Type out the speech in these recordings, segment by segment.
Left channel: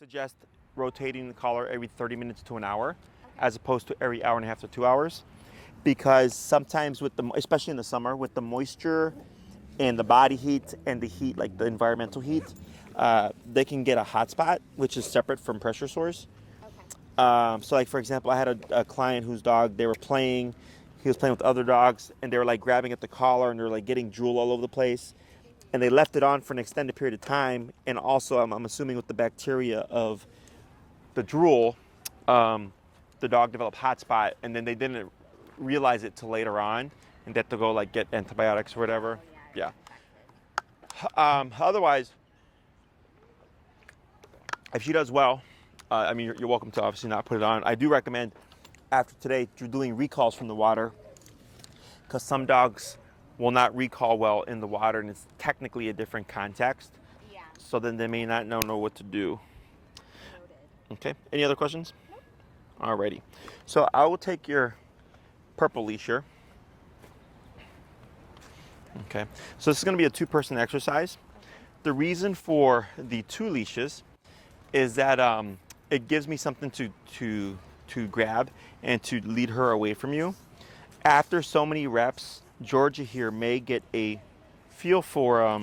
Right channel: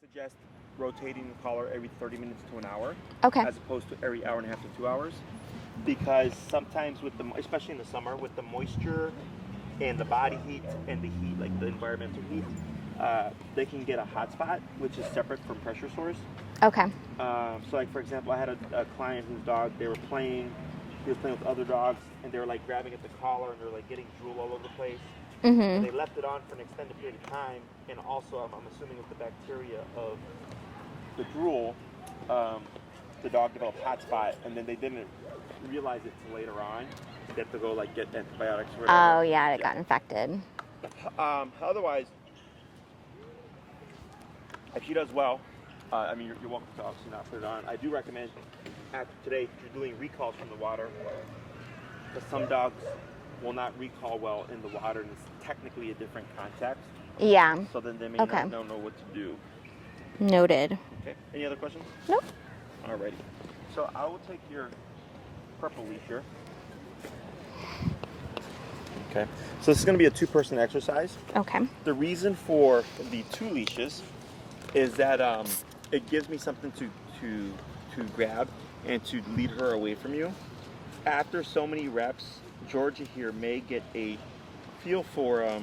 suggest rotating the collar every 30 minutes to an hour, Okay. as opposed to every hour and a half to 2 hours, because sometimes with the, especially in the summer, with the moisture and the body heat and the heat, like the environmental heat, they can get a hot spot, which is separate from pressure sores. Okay. So like for example, I had a client whose dog, he was playing with other dogs, and they were like grabbing at the collar and they're like getting drool all over the place. And they left it on for an extended period of time, and also I'm assuming with the bacteria of the drool, the dog developed hot spot, and then they didn't realize it till later on, and they had to go like get antibiotics or whatever. Oh yeah, it got infected. Otherwise, if she does well, I mean, you're welcome to obviously not put it on. I do recommend after today you're doing recalls from the water, because some dogs will not recall well in the water, and it's technically a different context. Yeah. So then they may not know what to do. Noted. Okay. Any other questions? Nope. Alrighty. So I will take your purple leash here. Okay. So this is going to be a 2-person exercise. Okay. The reason for the 2 leashes is that it gives me something to grab and to lead her away from you. After so many reps, Georgia here may get a feel for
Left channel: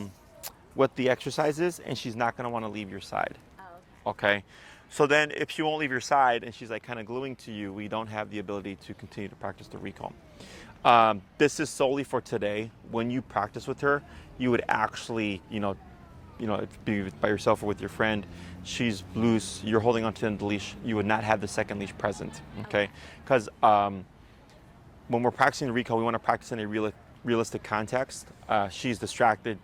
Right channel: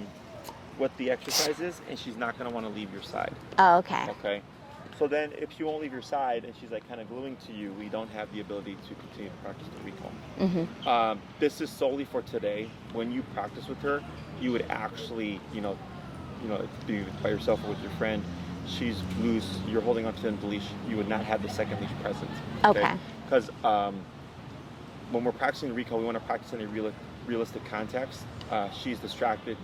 what the exercise is, and she's not going to want to leave your side. Oh, okay. Okay. So then if she won't leave your side and she's like kind of gluing to you, we don't have the ability to continue to practice the recall. This is solely for today. When you practice with her, you would actually, if being by yourself or with your friend, she's loose, you're holding onto the end of the leash, you would not have the second leash present. Okay. Because when we're practicing the recall, we want to practice in a realistic context. She's distracted,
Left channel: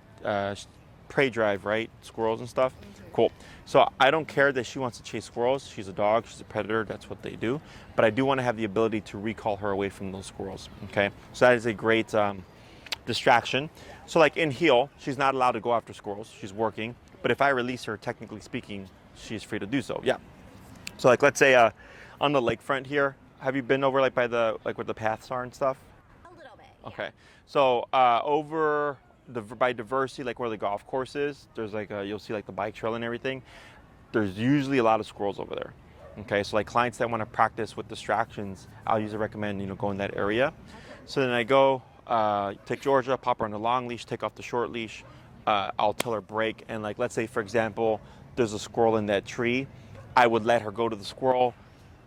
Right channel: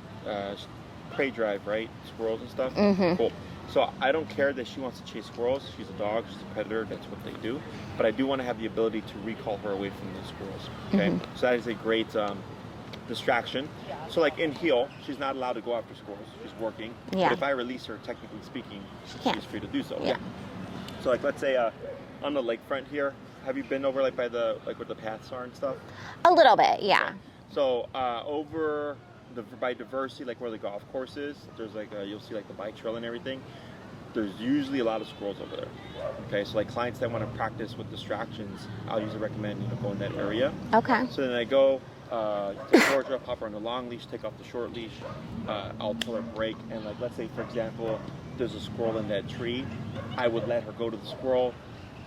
prey drive, right? Squirrels and stuff. Cool. So I don't care that she wants to chase squirrels. She's a dog. She's a predator. That's what they do. But I do want to have the ability to recall her away from those squirrels. Okay. So that is a great distraction. So like in heel, she's not allowed to go after squirrels. She's working. Yeah. But if I release her, technically speaking, she's free to do so. Yeah. So like let's say on the lakefront here, have you been over like by the where the paths are and stuff? A little bit, yeah. Okay. So over by Diversity, like where the golf course is, there's like you'll see like the bike trail and everything. There's usually a lot of squirrels over there. Okay, so like clients that want to practice with distractions, I'll usually recommend go in that area. Okay. So then I go take Georgia, pop her on the long leash, take off the short leash. I'll tell her break, and like let's say for example, there's a squirrel in that tree, I would let her go to the squirrel.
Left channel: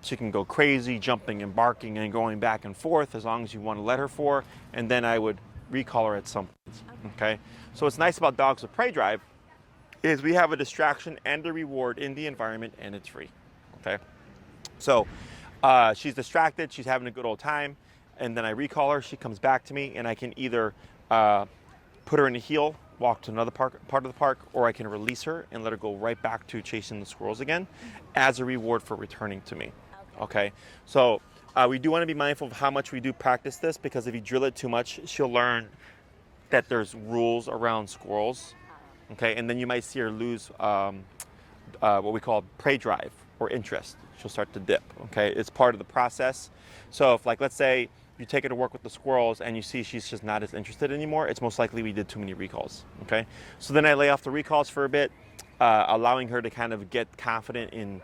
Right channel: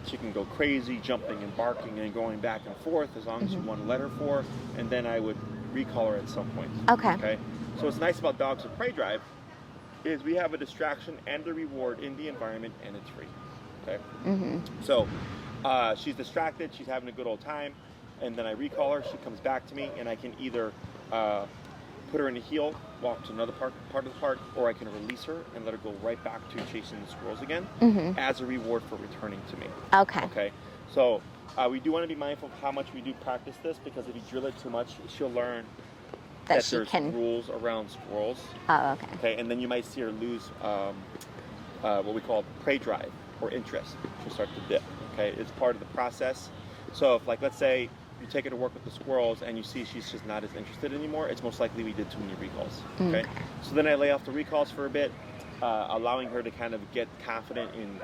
She can go crazy, jumping and barking and going back and forth as long as you want to let her for, and then I would recall her at some point. Okay. So what's nice about dogs with prey drive is we have a distraction and a reward in the environment, and it's free. Okay. So she's distracted, she's having a good old time, and then I recall her. She comes back to me, and I can either put her in a heel, walk to another part of the park, or I can release her and let her go right back to chasing the squirrels again as a reward for returning to me. Okay. Okay. So we do want to be mindful of how much we do practice this, because if you drill it too much, she'll learn that there's rules around squirrels. Oh, okay. Okay. And then you might see her lose what we call prey drive or interest. She'll start to dip. Okay. It's part of the process. So if like let's say you take her to work with the squirrels and you see she's just not as interested anymore, it's most likely we did too many recalls. Okay. So then I lay off the recalls for a bit, allowing her to kind of get confident in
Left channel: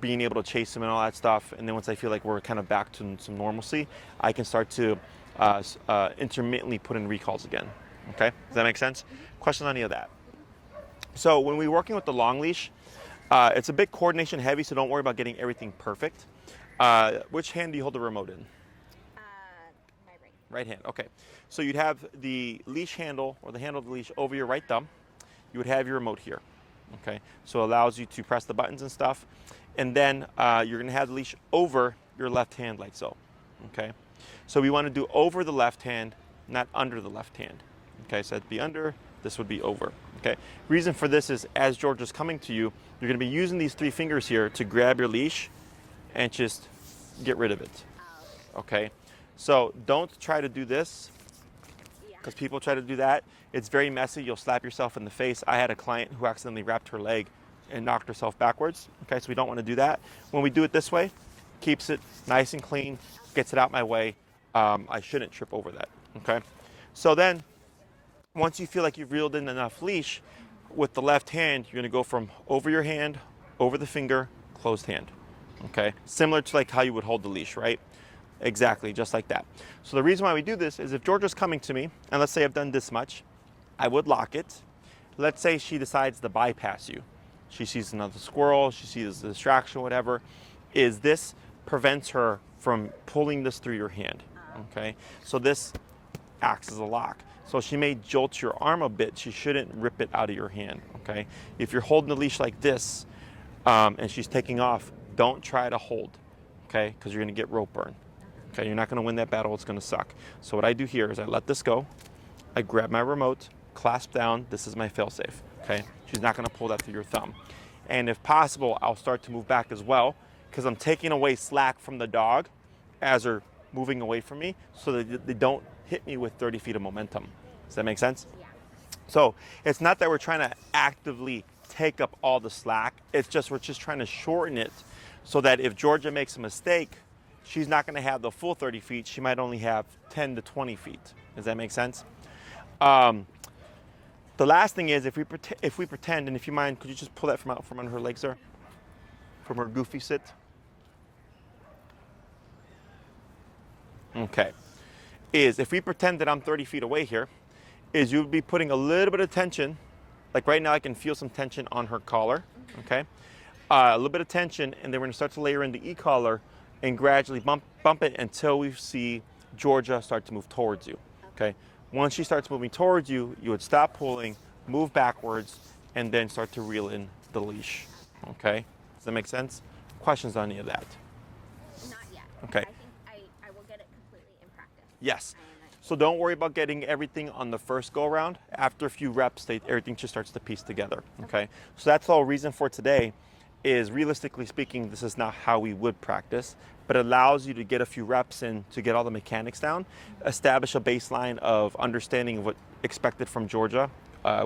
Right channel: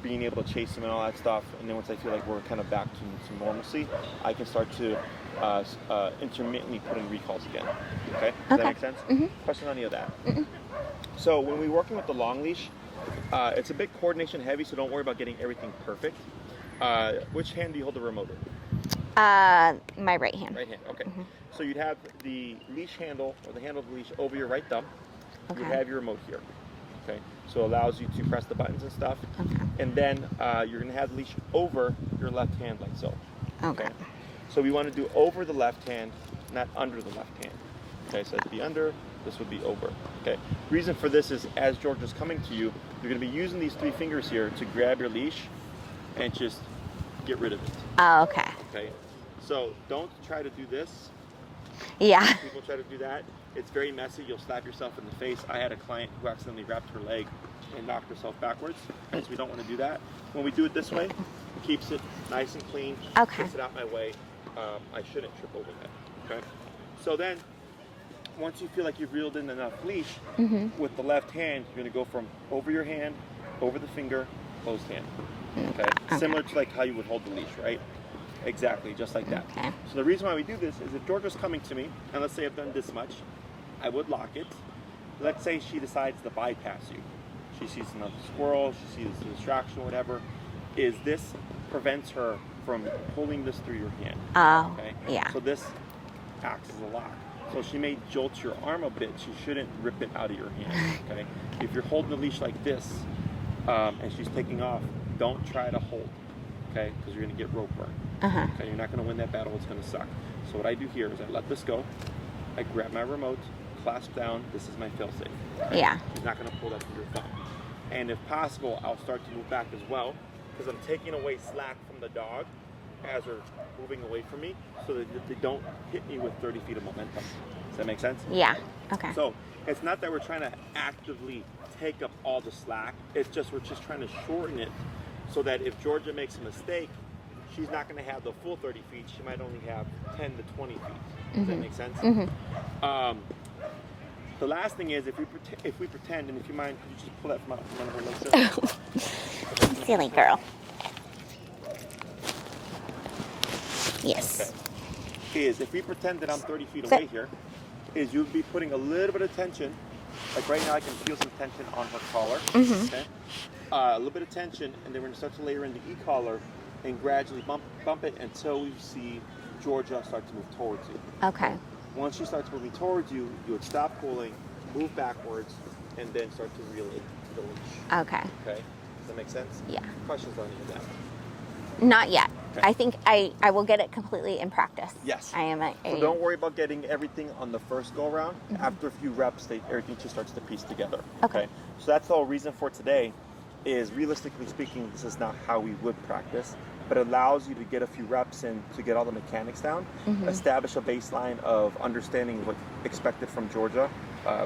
being able to chase them and all that stuff. And then once I feel like we're kind of back to some normalcy, I can start to intermittently put in recalls again. Okay. Does that make sense? Questions on any of that? So when we're working with the long leash, it's a bit coordination heavy, so don't worry about getting everything perfect. Which hand do you hold the remote in? My right hand. Right hand, okay. So you'd have the leash handle, or the handle of the leash, over your right thumb. You would have your remote here. Okay, so it allows you to press the buttons and stuff. And then you're going to have the leash over your left hand like so. Okay. So we want to do over the left hand, not under the left hand. Okay, so that'd be under, this would be over. Okay, reason for this is as Georgia's coming to you, you're going to be using these 3 fingers here to grab your leash and just get rid of it. Oh, okay. Okay, so don't try to do this. Yeah. People try to do that. It's very messy. You'll slap yourself in the face. I had a client who accidentally wrapped her leg and knocked herself backwards. Okay, so we don't want to do that. When we do it this way, keeps it nice and clean, gets it out my way. I shouldn't trip over that. Okay, so then once you feel like you've reeled in enough leash, with the left hand, you're going to go from over your hand over the finger, closed hand. Okay? Similar to like how you would hold the leash, right? Exactly, just like that. Okay. So the reason why we do this is if Georgia's coming to me, and let's say I've done this much, I would lock it. Let's say she decides to bypass you. She sees another squirrel, she sees a distraction, whatever. This prevents her from pulling this through your hand. Oh, Okay? yeah. So this acts as a lock. So she may jolt your arm a bit. She shouldn't rip it out of your hand. Okay? If you're holding the leash like this, and she's taking off, don't try to hold. Okay? Because you're going to get rope burn. Okay? You're not going to win that battle. It's going to suck. So what I do here is I let this go. I grab my remote, clasp down. This is my failsafe. Okay? Yeah. She's not going to pull that through your thumb. And if possible, I'll start to move back as well, because I'm taking away slack from the dog as they're moving away from me, so that they don't hit me with 30 feet of momentum. Does that make sense? Yeah. Okay. So it's not that we're trying to actively take up all the slack. It's just we're just trying to shorten it so that if Georgia makes a mistake, she's not going to have the full 30 feet. She might only have 10 to 20 feet. Does that make sense? The last thing is if we pretend, and if you mind, could you just pull that from under her legs there? Silly girl. Yes. Okay. Is if we pretend that I'm 30 feet away here, is you would be putting a little bit of tension. Like right now, I can feel some tension on her collar. Okay. A little bit of tension, and then we're going to start to layer in the e-collar and gradually bump it until we see Georgia start to move towards you. Okay. Once she starts moving towards you, you would stop pulling, move backwards, and then start to reel in the leash. Okay. Okay? Does that make sense? Yeah. Questions on any of that? Not yet. Okay. I think I will get it completely in practice. Yes. I am. So don't worry about getting everything on the first go around. After a few reps, everything just starts to piece together. Okay. So that's the whole reason for today is realistically speaking, this is not how we would practice, but it allows you to get a few reps in to get all the mechanics down, establish a baseline of understanding what expected from Georgia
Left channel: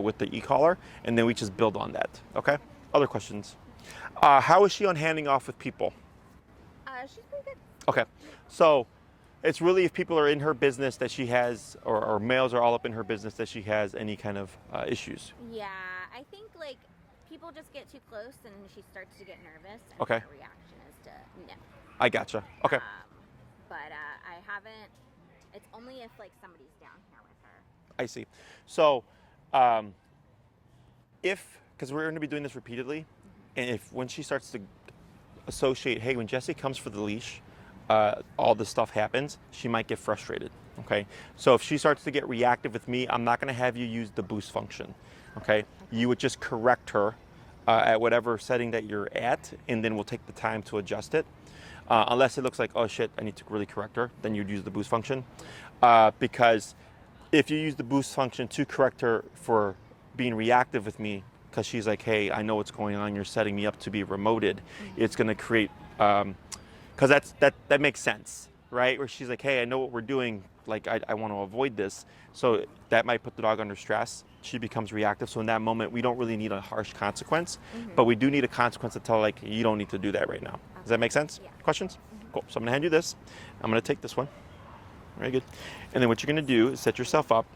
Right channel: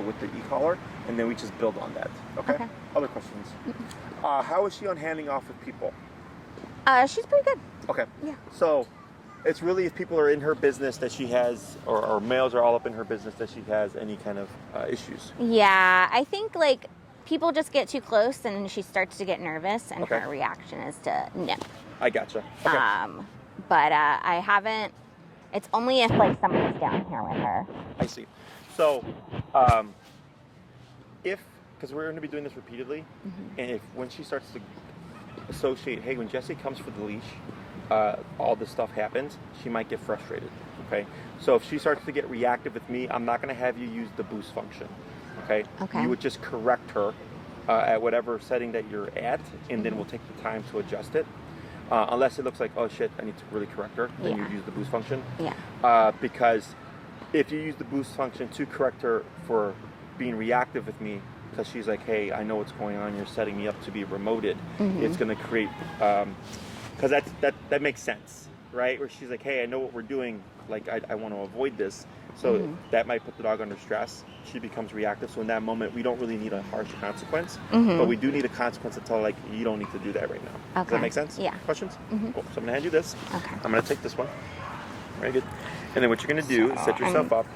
with the e-collar, and then we just build on that. Okay? Other questions? How is she on handing off with people? She's pretty good. Okay. Yeah. So it's really if people are in her business that she has, or males are all up in her business that she has any kind of issues. Yeah, I think like people just get too close and she starts to get nervous, and Okay. her reaction is to nip. I gotcha. Okay. But I haven't. It's only if like somebody's down here with her. I see. So, because we're going to be doing this repeatedly, and if when she starts to associate, hey, when Jessie comes for the leash, all this stuff happens, she might get frustrated. Okay. So if she starts to get reactive with me, I'm not going to have you use the boost function. Okay. Okay. You would just correct her at whatever setting that you're at, and then we'll take the time to adjust it. Unless it looks like, oh shit, I need to really correct her, then you use the boost function. Yeah. Because if you use the boost function to correct her for being reactive with me, because she's like, hey, I know what's going on, you're setting me up to be remoted, it's going to create, because that makes sense, right? Where she's like, hey, I know what we're doing, like I want to avoid this. So that might put the dog under stress. She becomes reactive. So in that moment, we don't really need a harsh consequence, but we do need a consequence to tell her, like, you don't need to do that right now. Okay. Does that make sense? Yeah. Questions? Cool. So I'm going to hand you this. Okay. I'm going to take this one. Very good. And then what you're going to do is set yourself up,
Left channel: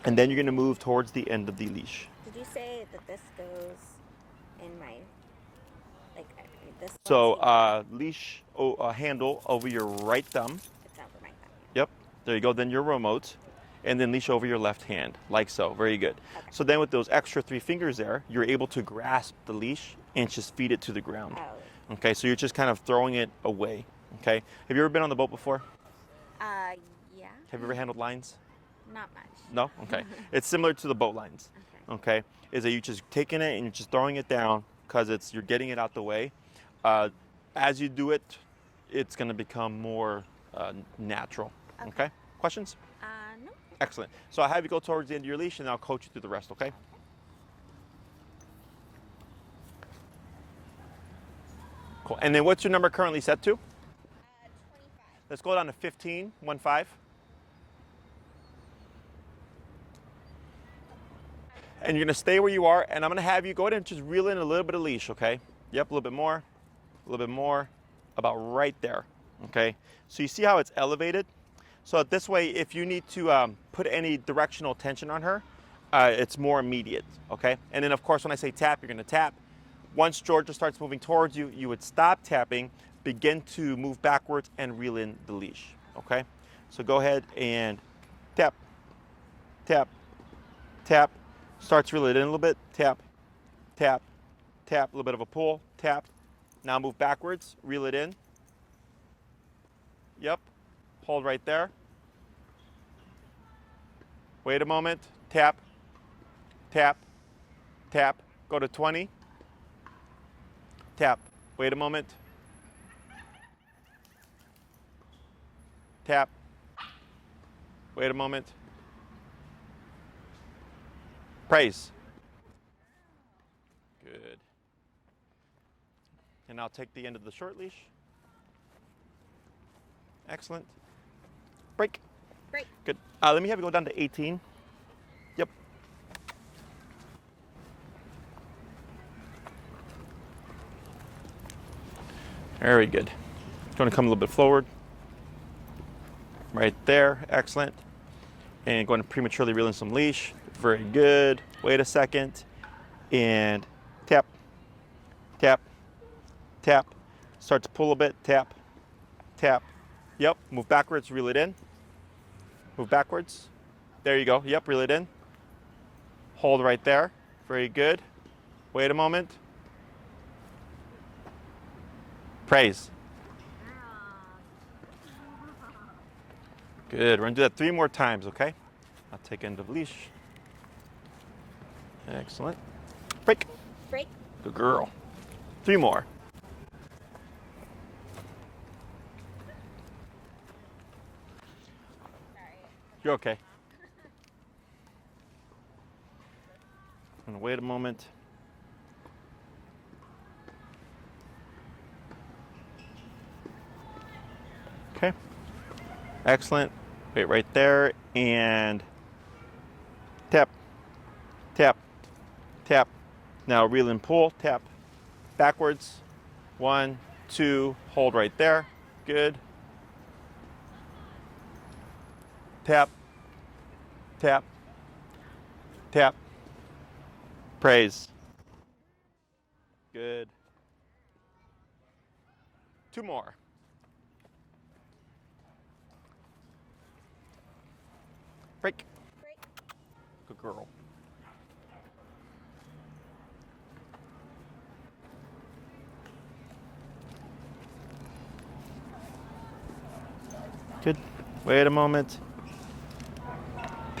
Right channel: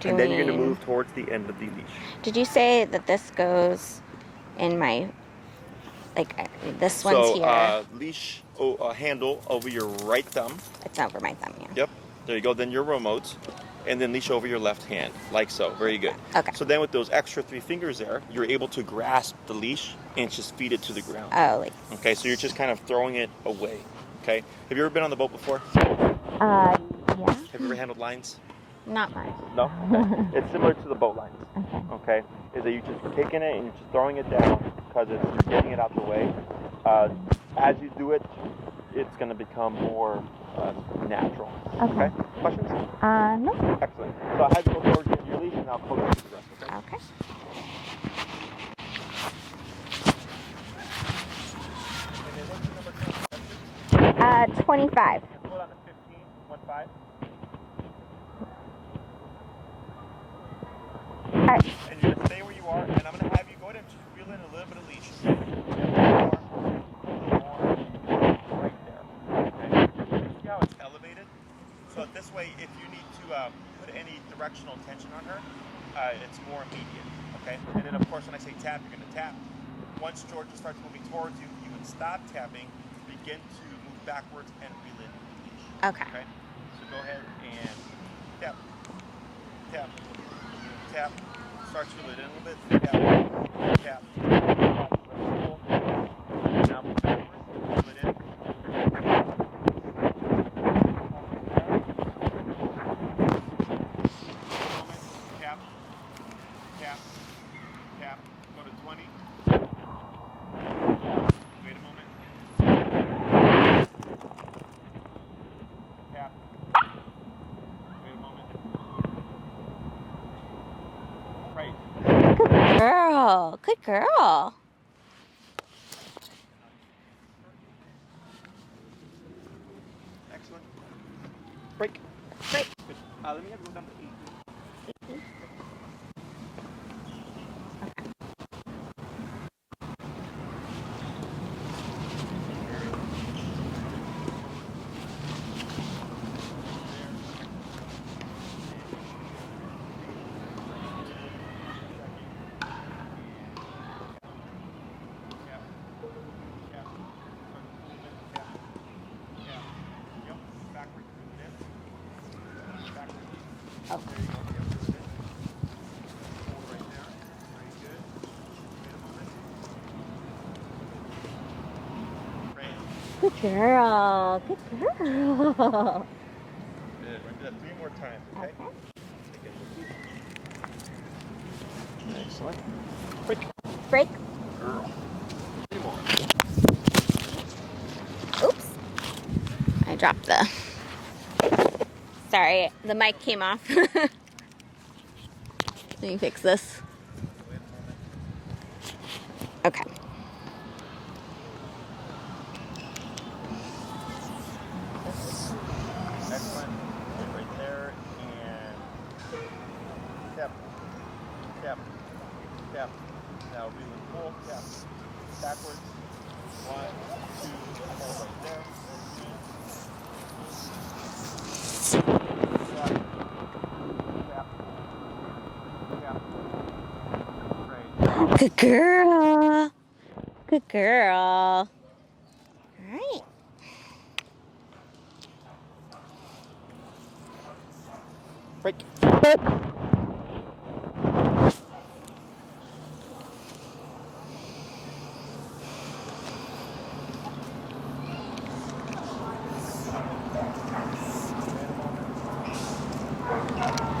do and then you're going to we- move towards the end of the leash. Did you say that this goes in my, like, this one's So here? leash handle over your right thumb. It's over my thumb, yeah. Yep. There you go. Then your remote. And then leash over your left hand, like so. Very good. Okay. So then with those extra 3 fingers there, you're able to grasp the leash and just feed it to the ground. Oh, like. Okay, so you're just kind of throwing it away. Okay. Have you ever been on the boat before? Yeah. Have you ever handled lines? Not much. No? Okay. It's similar to the boat lines. Okay. Is that you're just taking it and you're just throwing it down because you're getting it out the way. As you do it, it's going to become more natural. Okay. Questions? No. Excellent. So I'll have you go towards the end of your leash and I'll coach you through the rest, okay? Okay. Cool. And then what's your number currently set to? 25. Let's go down to 15, 1-5. Alright. And you're gonna stay where you are, and I'm gonna have you go ahead and just reel in a little bit of leash, okay? Yep, a little bit more, a little bit more, right there, okay? So you see how it's elevated? So this way, if you need to put any directional tension on her, it's more immediate, okay? And then of course, when I say tap, you're gonna tap, Once Georgia starts moving towards you, you would stop tapping, begin to move backwards, and reel in the leash. Okay. So go ahead and tap, tap, tap. Starts to reel it in a little bit. Tap, tap, tap. A little bit of a pull. Tap. Now move backwards. Reel it in. Yep. Hold right there. Wait a moment. Tap, tap, tap. Go to 20. Tap. Wait a moment. Tap. Wait a moment. Praise. Good girl. Good girl. And now take the end of the short leash. Excellent. Break. Break. Good. Let me have you go down to 18. 18. Yep. Very good. It's going to come a little bit forward. Right there. Excellent. And going to prematurely reel in some leash. Very good. Wait a second. And tap, tap, tap. Start to pull a bit. Tap, tap. Yep. Move backwards. Reel it in. Move backwards. Oh. There you go. Yep. Reel it in. Hold right there. Very good. Wait a moment. Praise. Good girl. Good girl. Good. We're going to do that 3 more times, okay? I'll take end of leash. Excellent. Break. Break. Good girl. 3 more. Oops. I dropped the... Sorry, the mic okay. came off. Let me fix this. And wait a moment. Okay. Okay. Excellent. Wait right there. And tap, tap, tap. Now reel and pull. Tap. Backwards. 1, 2. Hold right there. Good. Tap, tap, tap. Praise. Good girl. Good. Good girl. All 2 right. more. Break. Good. Wait a moment.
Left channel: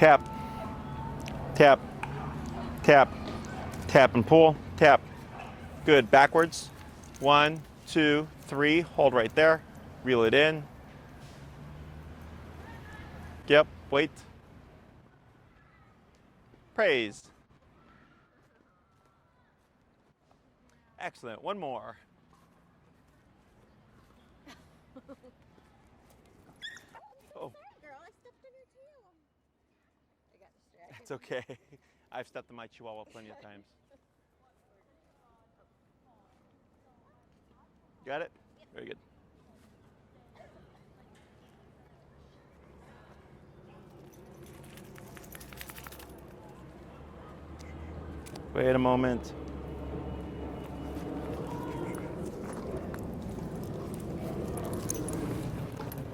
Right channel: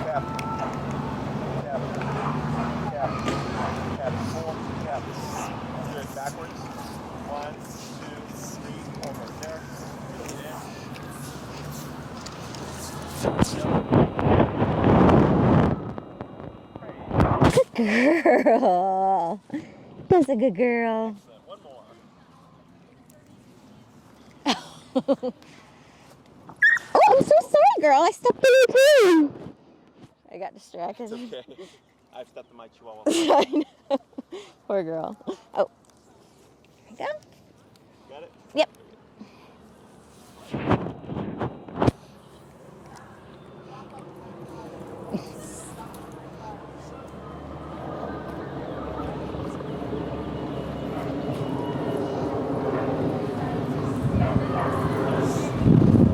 Tap. Tap. Tap. Tap and pull. Tap. Good. Backwards. 1, 2, 3. Hold right there. Reel it in. Yep. Wait. Praise. Good girl. That's a good girl. Excellent. 1 more. Oh, I'm so sorry, girl. I stepped in your poo. I got distracted. It's okay. I've stepped in my chihuahua. I know. Poor girl. Oh. There you go. Got it? Yep. Very good. Wait a moment.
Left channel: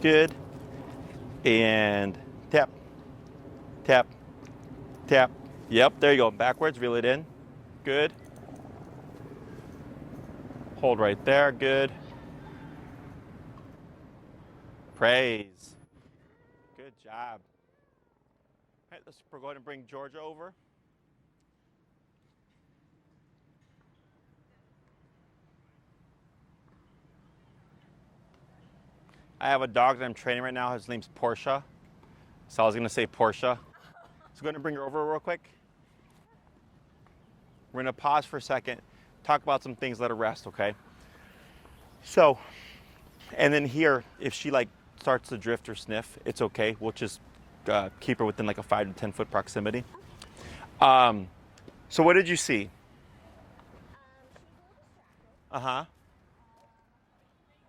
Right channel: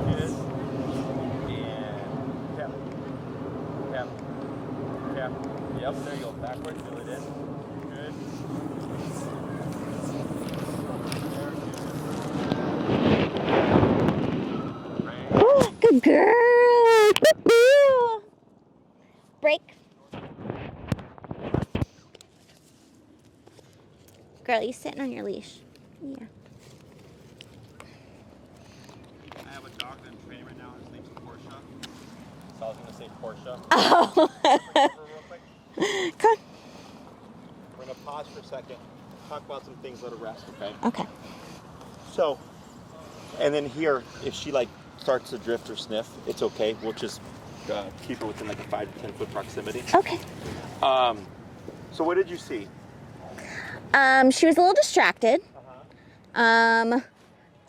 Good. And tap, tap, tap. Yep, there you go. Backwards, reel it in. Good. Hold right there. Good. Great. Good girl. Good girl. All right, we're going Break. to bring George over. Girl, you sitting on your leash. Yeah. I have a dog that I'm training right now. His name's Portia. So I was going to say Portia. Oh. Can you bring her over real quick? Come. We're going to pause for a second, talk about some things, let her rest, okay? Okay. So, and then here, if she like starts to drift or sniff, it's okay. We'll just keep her within like a 5 to 10 foot proximity. Okay. So what did you see? She was a little distracted. Uh-huh.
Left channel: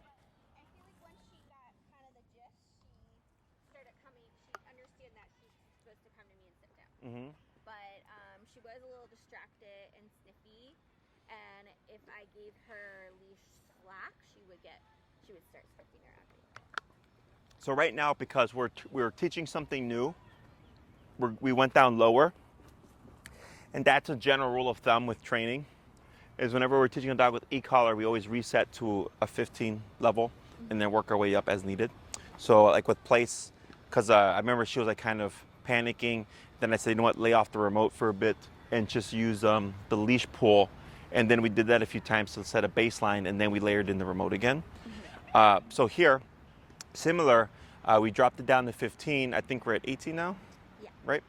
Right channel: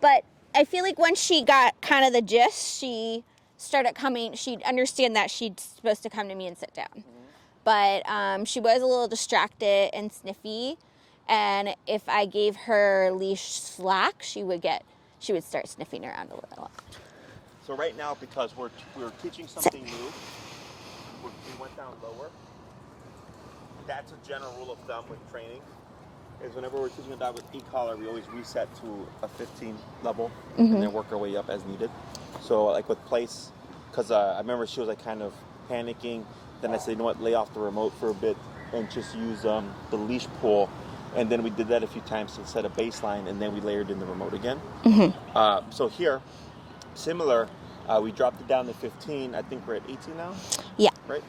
But I feel like once she got kind of the gist, she started coming. She'd understand that she's supposed to come to me and sit down. Mm-hmm. But she was a little distracted and sniffy. And if I gave her leash slack, she would start sniffing around a little. So right now, because we're teaching something new, we went down lower. And that's a general rule of thumb with training, is whenever we're teaching a dog with e-collar, we always reset to a 15 level and then work our way up as needed. So like with place, because I remember she was like kind of panicking. Then I said, you know what, lay off the remote for a bit and just use the leash pull. And then we did that a few times to set a baseline, and then we layered in the remote again. So here, similar, we dropped it down to 15. I think we're at 18 now. Yeah. Right?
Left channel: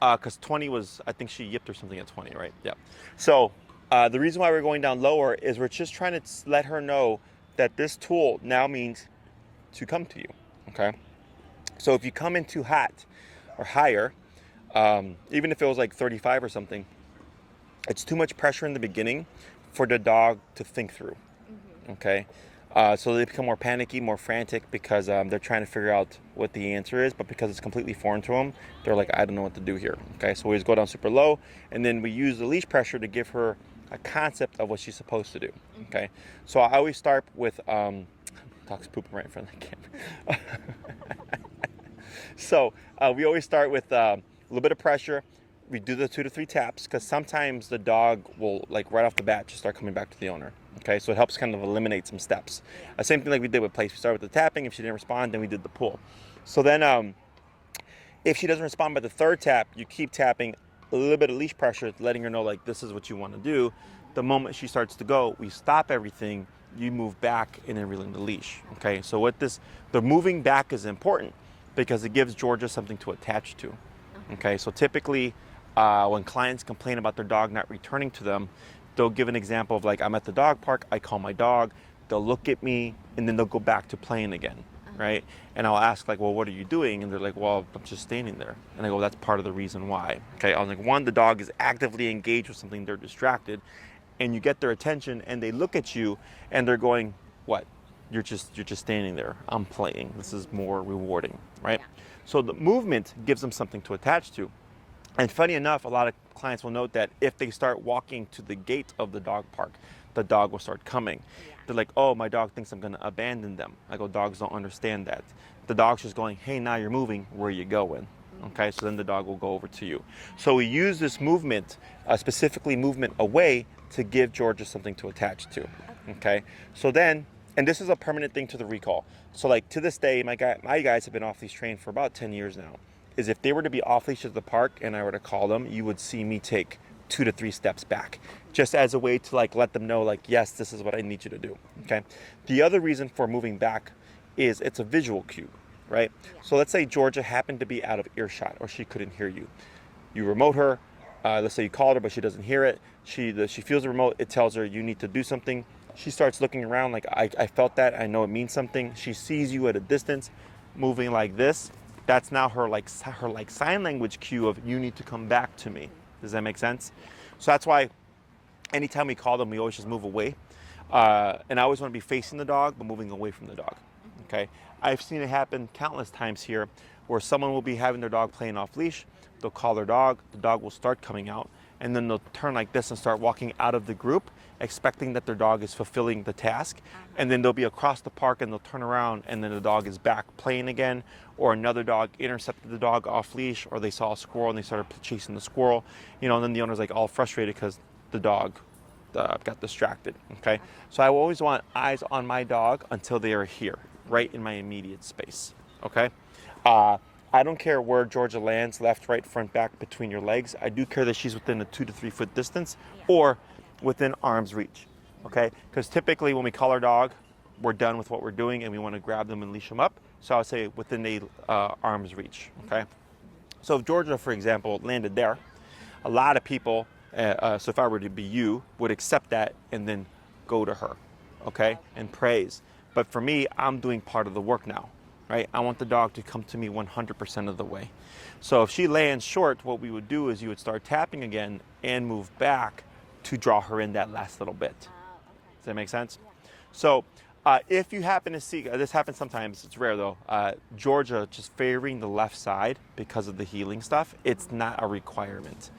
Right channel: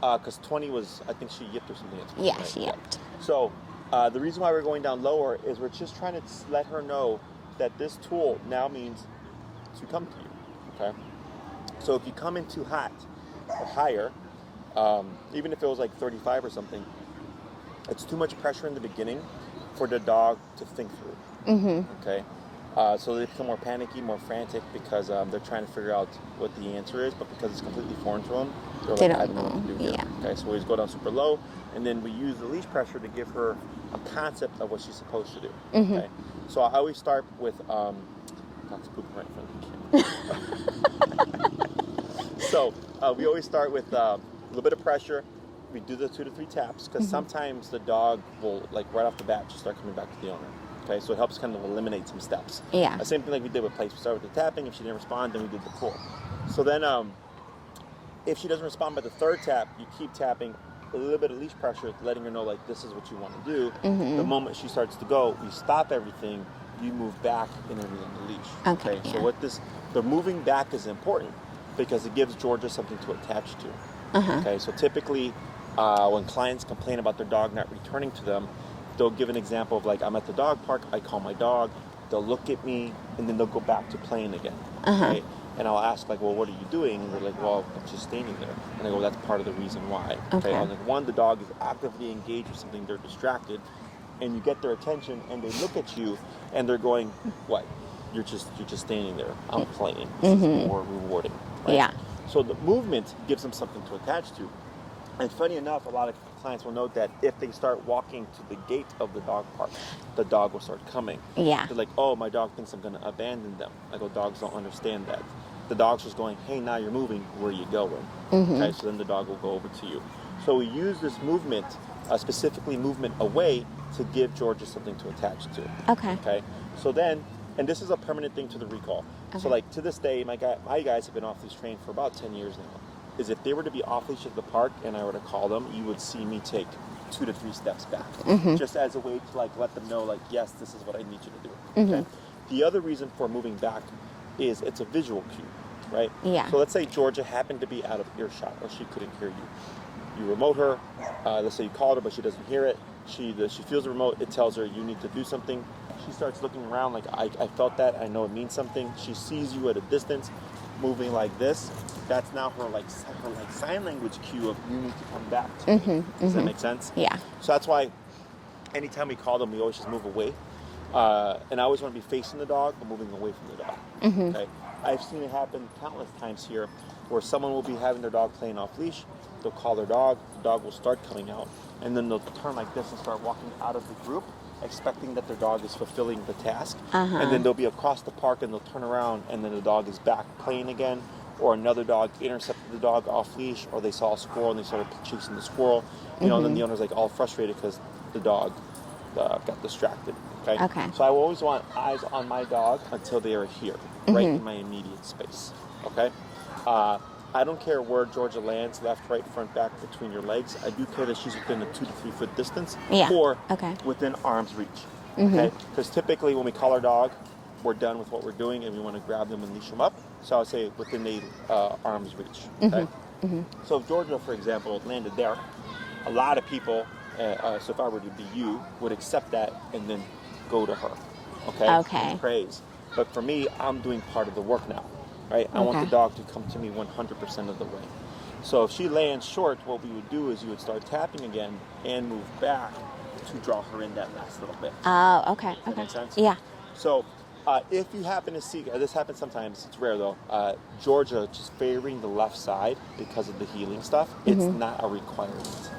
Because 20 was, I think she yipped or something at 20, yeah, right? She yipped. So the reason why we're going down lower is we're just trying to let her know that this tool now means to come to you, okay? So if you come in too hot or higher, even if it was like 35 or something, it's too much pressure in the beginning for the dog to think through, okay? So they become more panicky, more frantic because they're trying to figure out what the answer is, but because it's completely foreign to them, they're like, I don't know what to do here. Yeah. Okay, so we always go down super low, and then we use the leash pressure to give her a concept of what she's supposed to do. Okay, so I always start with dog's pooping right in front of the camera. So we always start with a little bit of pressure. We do the 2 to 3 taps because sometimes the dog will, like right off the bat, just start coming back to the owner. Okay, so it helps kind of eliminate some steps. Yeah. Same thing like we did with place. We started with the tapping. If she didn't respond, then we did the pull. So then if she doesn't respond by the 3rd tap, you keep tapping a little bit of leash pressure, letting her know like this is what you want to do. The moment she starts to go, we stop everything, you move back and then release the leash. Okay, so what the moving back is important because it gives Georgia something to attach to. Okay, so typically when clients complain about their dog not returning to them, they'll give an example of like, I'm at the dog park, I call my dog, they'll look at me, and then they'll go back to playing again, right? And I'll ask like, well, what are you doing? And they're like, well, I'm just standing there. And I go, that's part of the reason why. Okay, I'm like, one, the dog is actively engaged with something, they're distracted, and you get their attention, and they look at you, and they're going, what? You're just standing there. I'm playing. This is more rewarding, right? Yeah. So the movement gives them something to attach to. And funny enough, a lot of clients will note that if they start walking to the gate of the dog park, the dog will start coming. Yeah. They're like, oh, my dog thinks I'm going to abandon them. I go, dogs don't understand that. The dog's just going, hey, now you're moving. Where are you going? Okay, so then the dog will go over to you. So we use this movement, specifically movement away, to give Georgia something to attach to. Okay. So then, and this is a permanent thing to the recall. So like to this day, my guys have been off leash trained for about 10 years now. Is if they were to be off leash at the park and I were to call them, you would see me take 2 to 3 steps back, just as a way to like let them know like, yes, this is what I need you to do. Okay. The other reason for moving back is it's a visual cue, right? Yeah. So let's say Georgia happened to be out of earshot or she couldn't hear you. You remote her. Let's say you called her but she doesn't hear it. She feels the remote. It tells her you need to do something. She starts looking around like I felt that. I know it means something. She sees you at a distance, moving like this. That's now her sign language cue of you need to come back to me. Does that make sense? Yeah. So that's why anytime we call them, we always just move away. And I always want to be facing the dog, but moving away from the dog. Okay. I've seen it happen countless times here where someone will be having their dog playing off leash. They'll call their dog. The dog will start coming out. And then they'll turn like this and start walking out of the group, expecting that their dog is fulfilling the task. And then they'll be across the park and they'll turn around and then the dog is back playing again. Or another dog intercepted the dog off leash, or they saw a squirrel and they started chasing the squirrel. You know, and then the owner's like all frustrated because the dog got distracted. Okay. So I always want eyes on my dog until they are here, right in my immediate space. Okay. I don't care where Georgia lands, left, right, front, back, between your legs. I do care that she's within a 2 to 3 foot distance, or within arm's reach. Okay. Because typically when we call our dog, we're done with what we're doing and we want to grab them and leash them up. So I'll say within the arm's reach. Okay. So if Georgia, for example, landed there, a lot of people, so if I were to be you, would accept that and then go to her. Okay. And praise. But for me, I'm doing part of the work now. Right? I want the dog to come to me 100% of the way. So if she lands short, what we would do is you would start tapping again and move back to draw her in that last little bit. Oh, okay. Does that make sense? Yeah. So if you happen to see, this happens sometimes, it's rare though, Georgia just favoring the left side because of the healing stuff, it's not a requirement.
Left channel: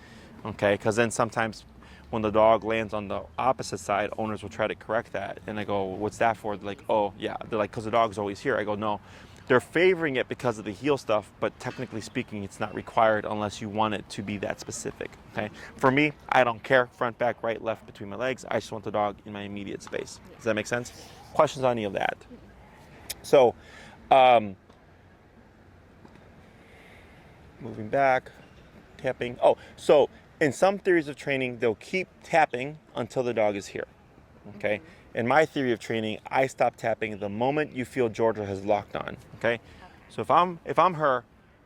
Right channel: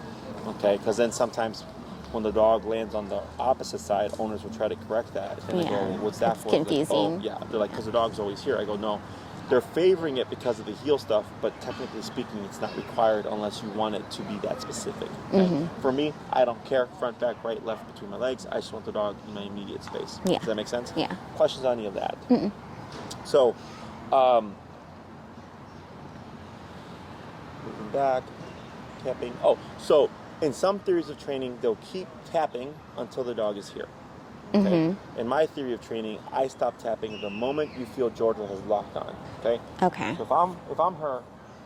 Okay? Because then sometimes when the dog lands on the opposite side, owners will try to correct that. And I go, well, what's that for? Confusing. Like, oh, yeah. They're like, because the dog's always here. I go, no. They're favoring it because of the heel stuff, but technically speaking, it's not required unless you want it to be that specific. Okay? For me, I don't care. Front, back, right, left, between my legs. I just want the dog in my immediate space. Yeah. Does that make sense? Yeah. Questions on any of that? So, moving back, tapping. Oh, so in some theories of training, they'll keep tapping until the dog is here. Okay. In my theory of training, I stop tapping the moment you feel Georgia has locked on. Okay. Okay. So if I'm her,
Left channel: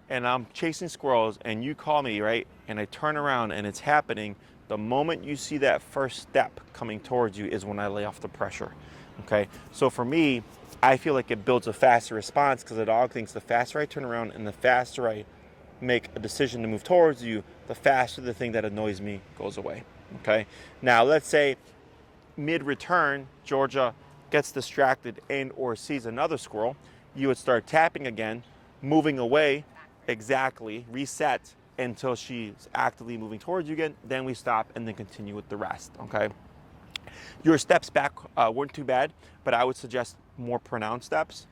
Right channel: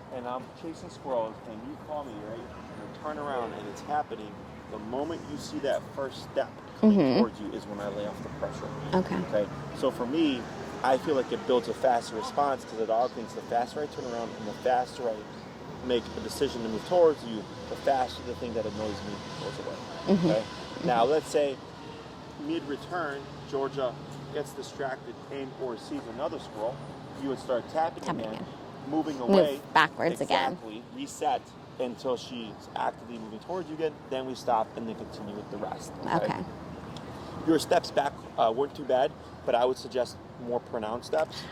and I'm chasing squirrels, and you call me, right, and I turn around and it's happening, the moment you see that first step coming towards you is when I lay off the pressure. Okay. Okay. So for me, I feel like it builds a faster response because the dog thinks the faster I turn around and the faster I make a decision to move towards you, the faster the thing that annoys me goes away. Okay. Now let's say mid-return, Georgia gets distracted and or sees another squirrel, you would start tapping again, moving away. Move backwards exactly, reset until she's actively moving towards you again. Then we stop and then continue with the rest. Okay. Your steps back weren't too bad, but I would suggest more pronounced steps.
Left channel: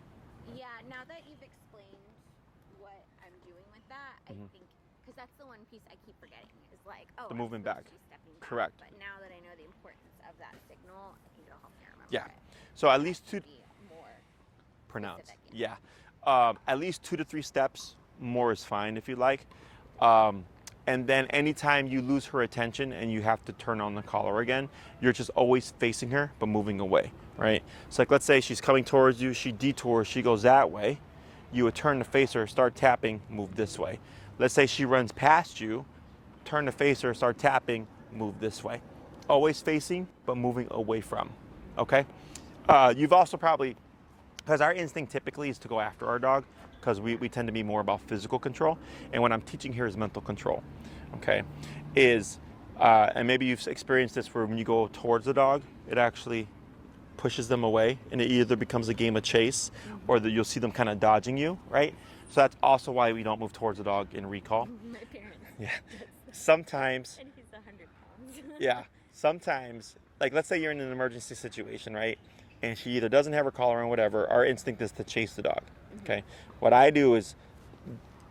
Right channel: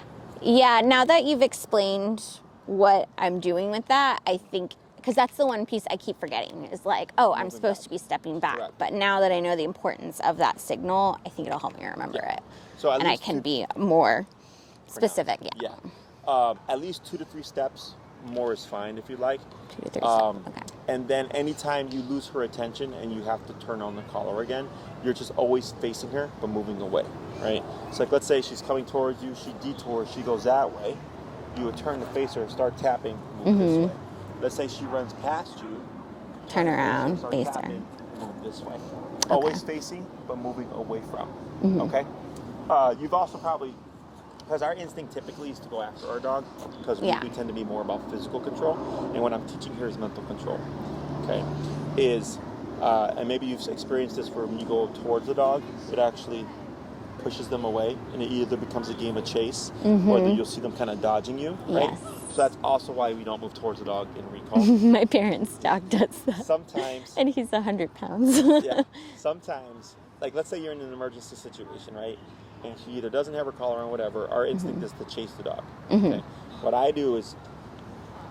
Yeah, now that you've explained what I'm doing with that, I think, because that's the one piece I keep forgetting, is like, oh, I'm supposed to be stepping back. Correct. But now that I know the importance of that signal, I think it'll help me remember it. So and I can be more specific. At least 2 to 3 steps. More is fine if you like. 2 to 3 steps. Okay. And then anytime you lose her attention and you have to turn on the collar again, you're just always facing her but moving away, right? So like let's say she's coming towards you, she detours, she goes that way. You would turn to face her, start tapping, move this way. Let's say she runs past you, turn to face her, start tapping, move this way. Always facing, but moving away from, okay? You've also probably, because our instinct typically is to go after our dog, because we tend to be more about physical control, and what I'm teaching here is mental control, okay? And maybe you've experienced this where when you go towards the dog, it actually pushes them away, and it either becomes a game of chase, or that you'll see them kind of dodging you, right? Yes. So that's also why we don't move towards the dog in recall. My parents' dog does that. Sometimes. And he's 100 pounds. Yeah. Sometimes, like let's say you're in an emergency situation, right? And she either doesn't have her collar on, whatever. Our instinct is to chase the dog. Okay. What I do is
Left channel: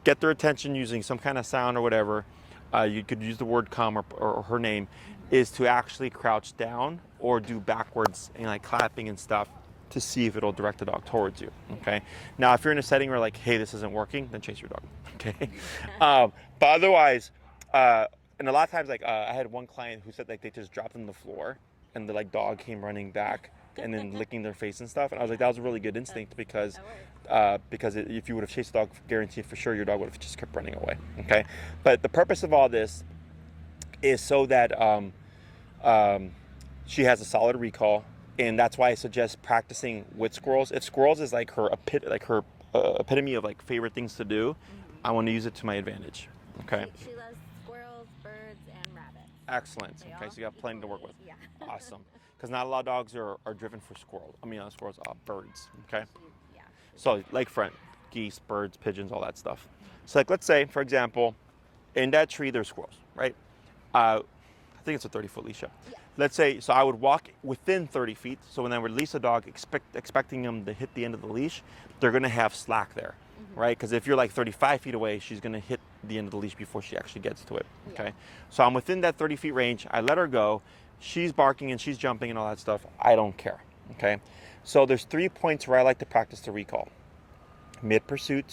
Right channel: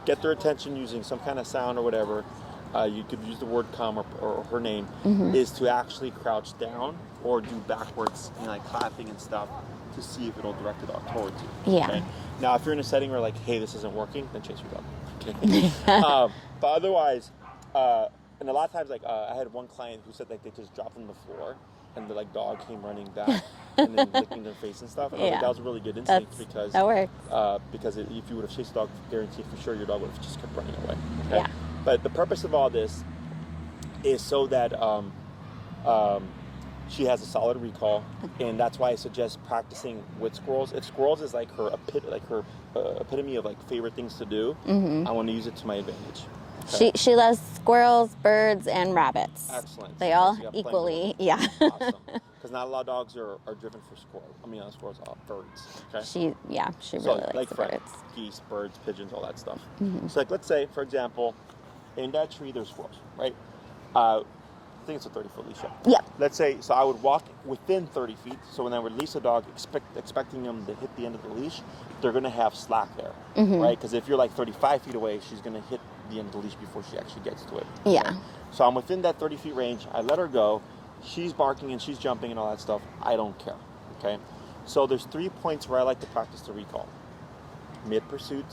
get their attention using some kind of sound or whatever. You could use the word come or her name, is to actually crouch down or do backwards and like clapping and stuff to see if it'll direct the dog towards you. Yeah. Okay. Now, if you're in a setting where like, hey, this isn't working, then chase your dog. Okay. But otherwise, and a lot of times, like I had one client who said like they just dropped on the floor and the like dog came running back and then licking their face and stuff. And I was like, that was a really good instinct because that works. Because if you would have chased the dog, guaranteed for sure your dog would have just kept running away. Okay. But the purpose of all this is so that she has a solid recall, and that's why I suggest practicing with squirrels. If squirrels is like her epitome of like favorite things to do, I want to use it to my advantage. Okay. She loves squirrels, birds, and rabbits. Excellent. They all So equally, Awesome. Because not a lot of dogs are driven for squirrels. I mean, not squirrels, birds. Okay. She So really likes like birds. geese, birds, pigeons, all that stuff. So like let's say, for example, in that tree there's squirrels, right? I think it's a 30-foot leash. Yeah. Let's say, so I would walk within 30 feet. So when I release the dog, expecting them to hit the end of the leash, they're going to have slack there, right? Because if you're like 35 feet away, she's going to hit the end of the leash before she actually gets to it. Yeah. Okay? So I'm within that 30 feet range. I let her go. She's barking and she's jumping and all that stuff. I don't care. Okay. So there's 3 points where I like to practice the recall. Mid-pursuit,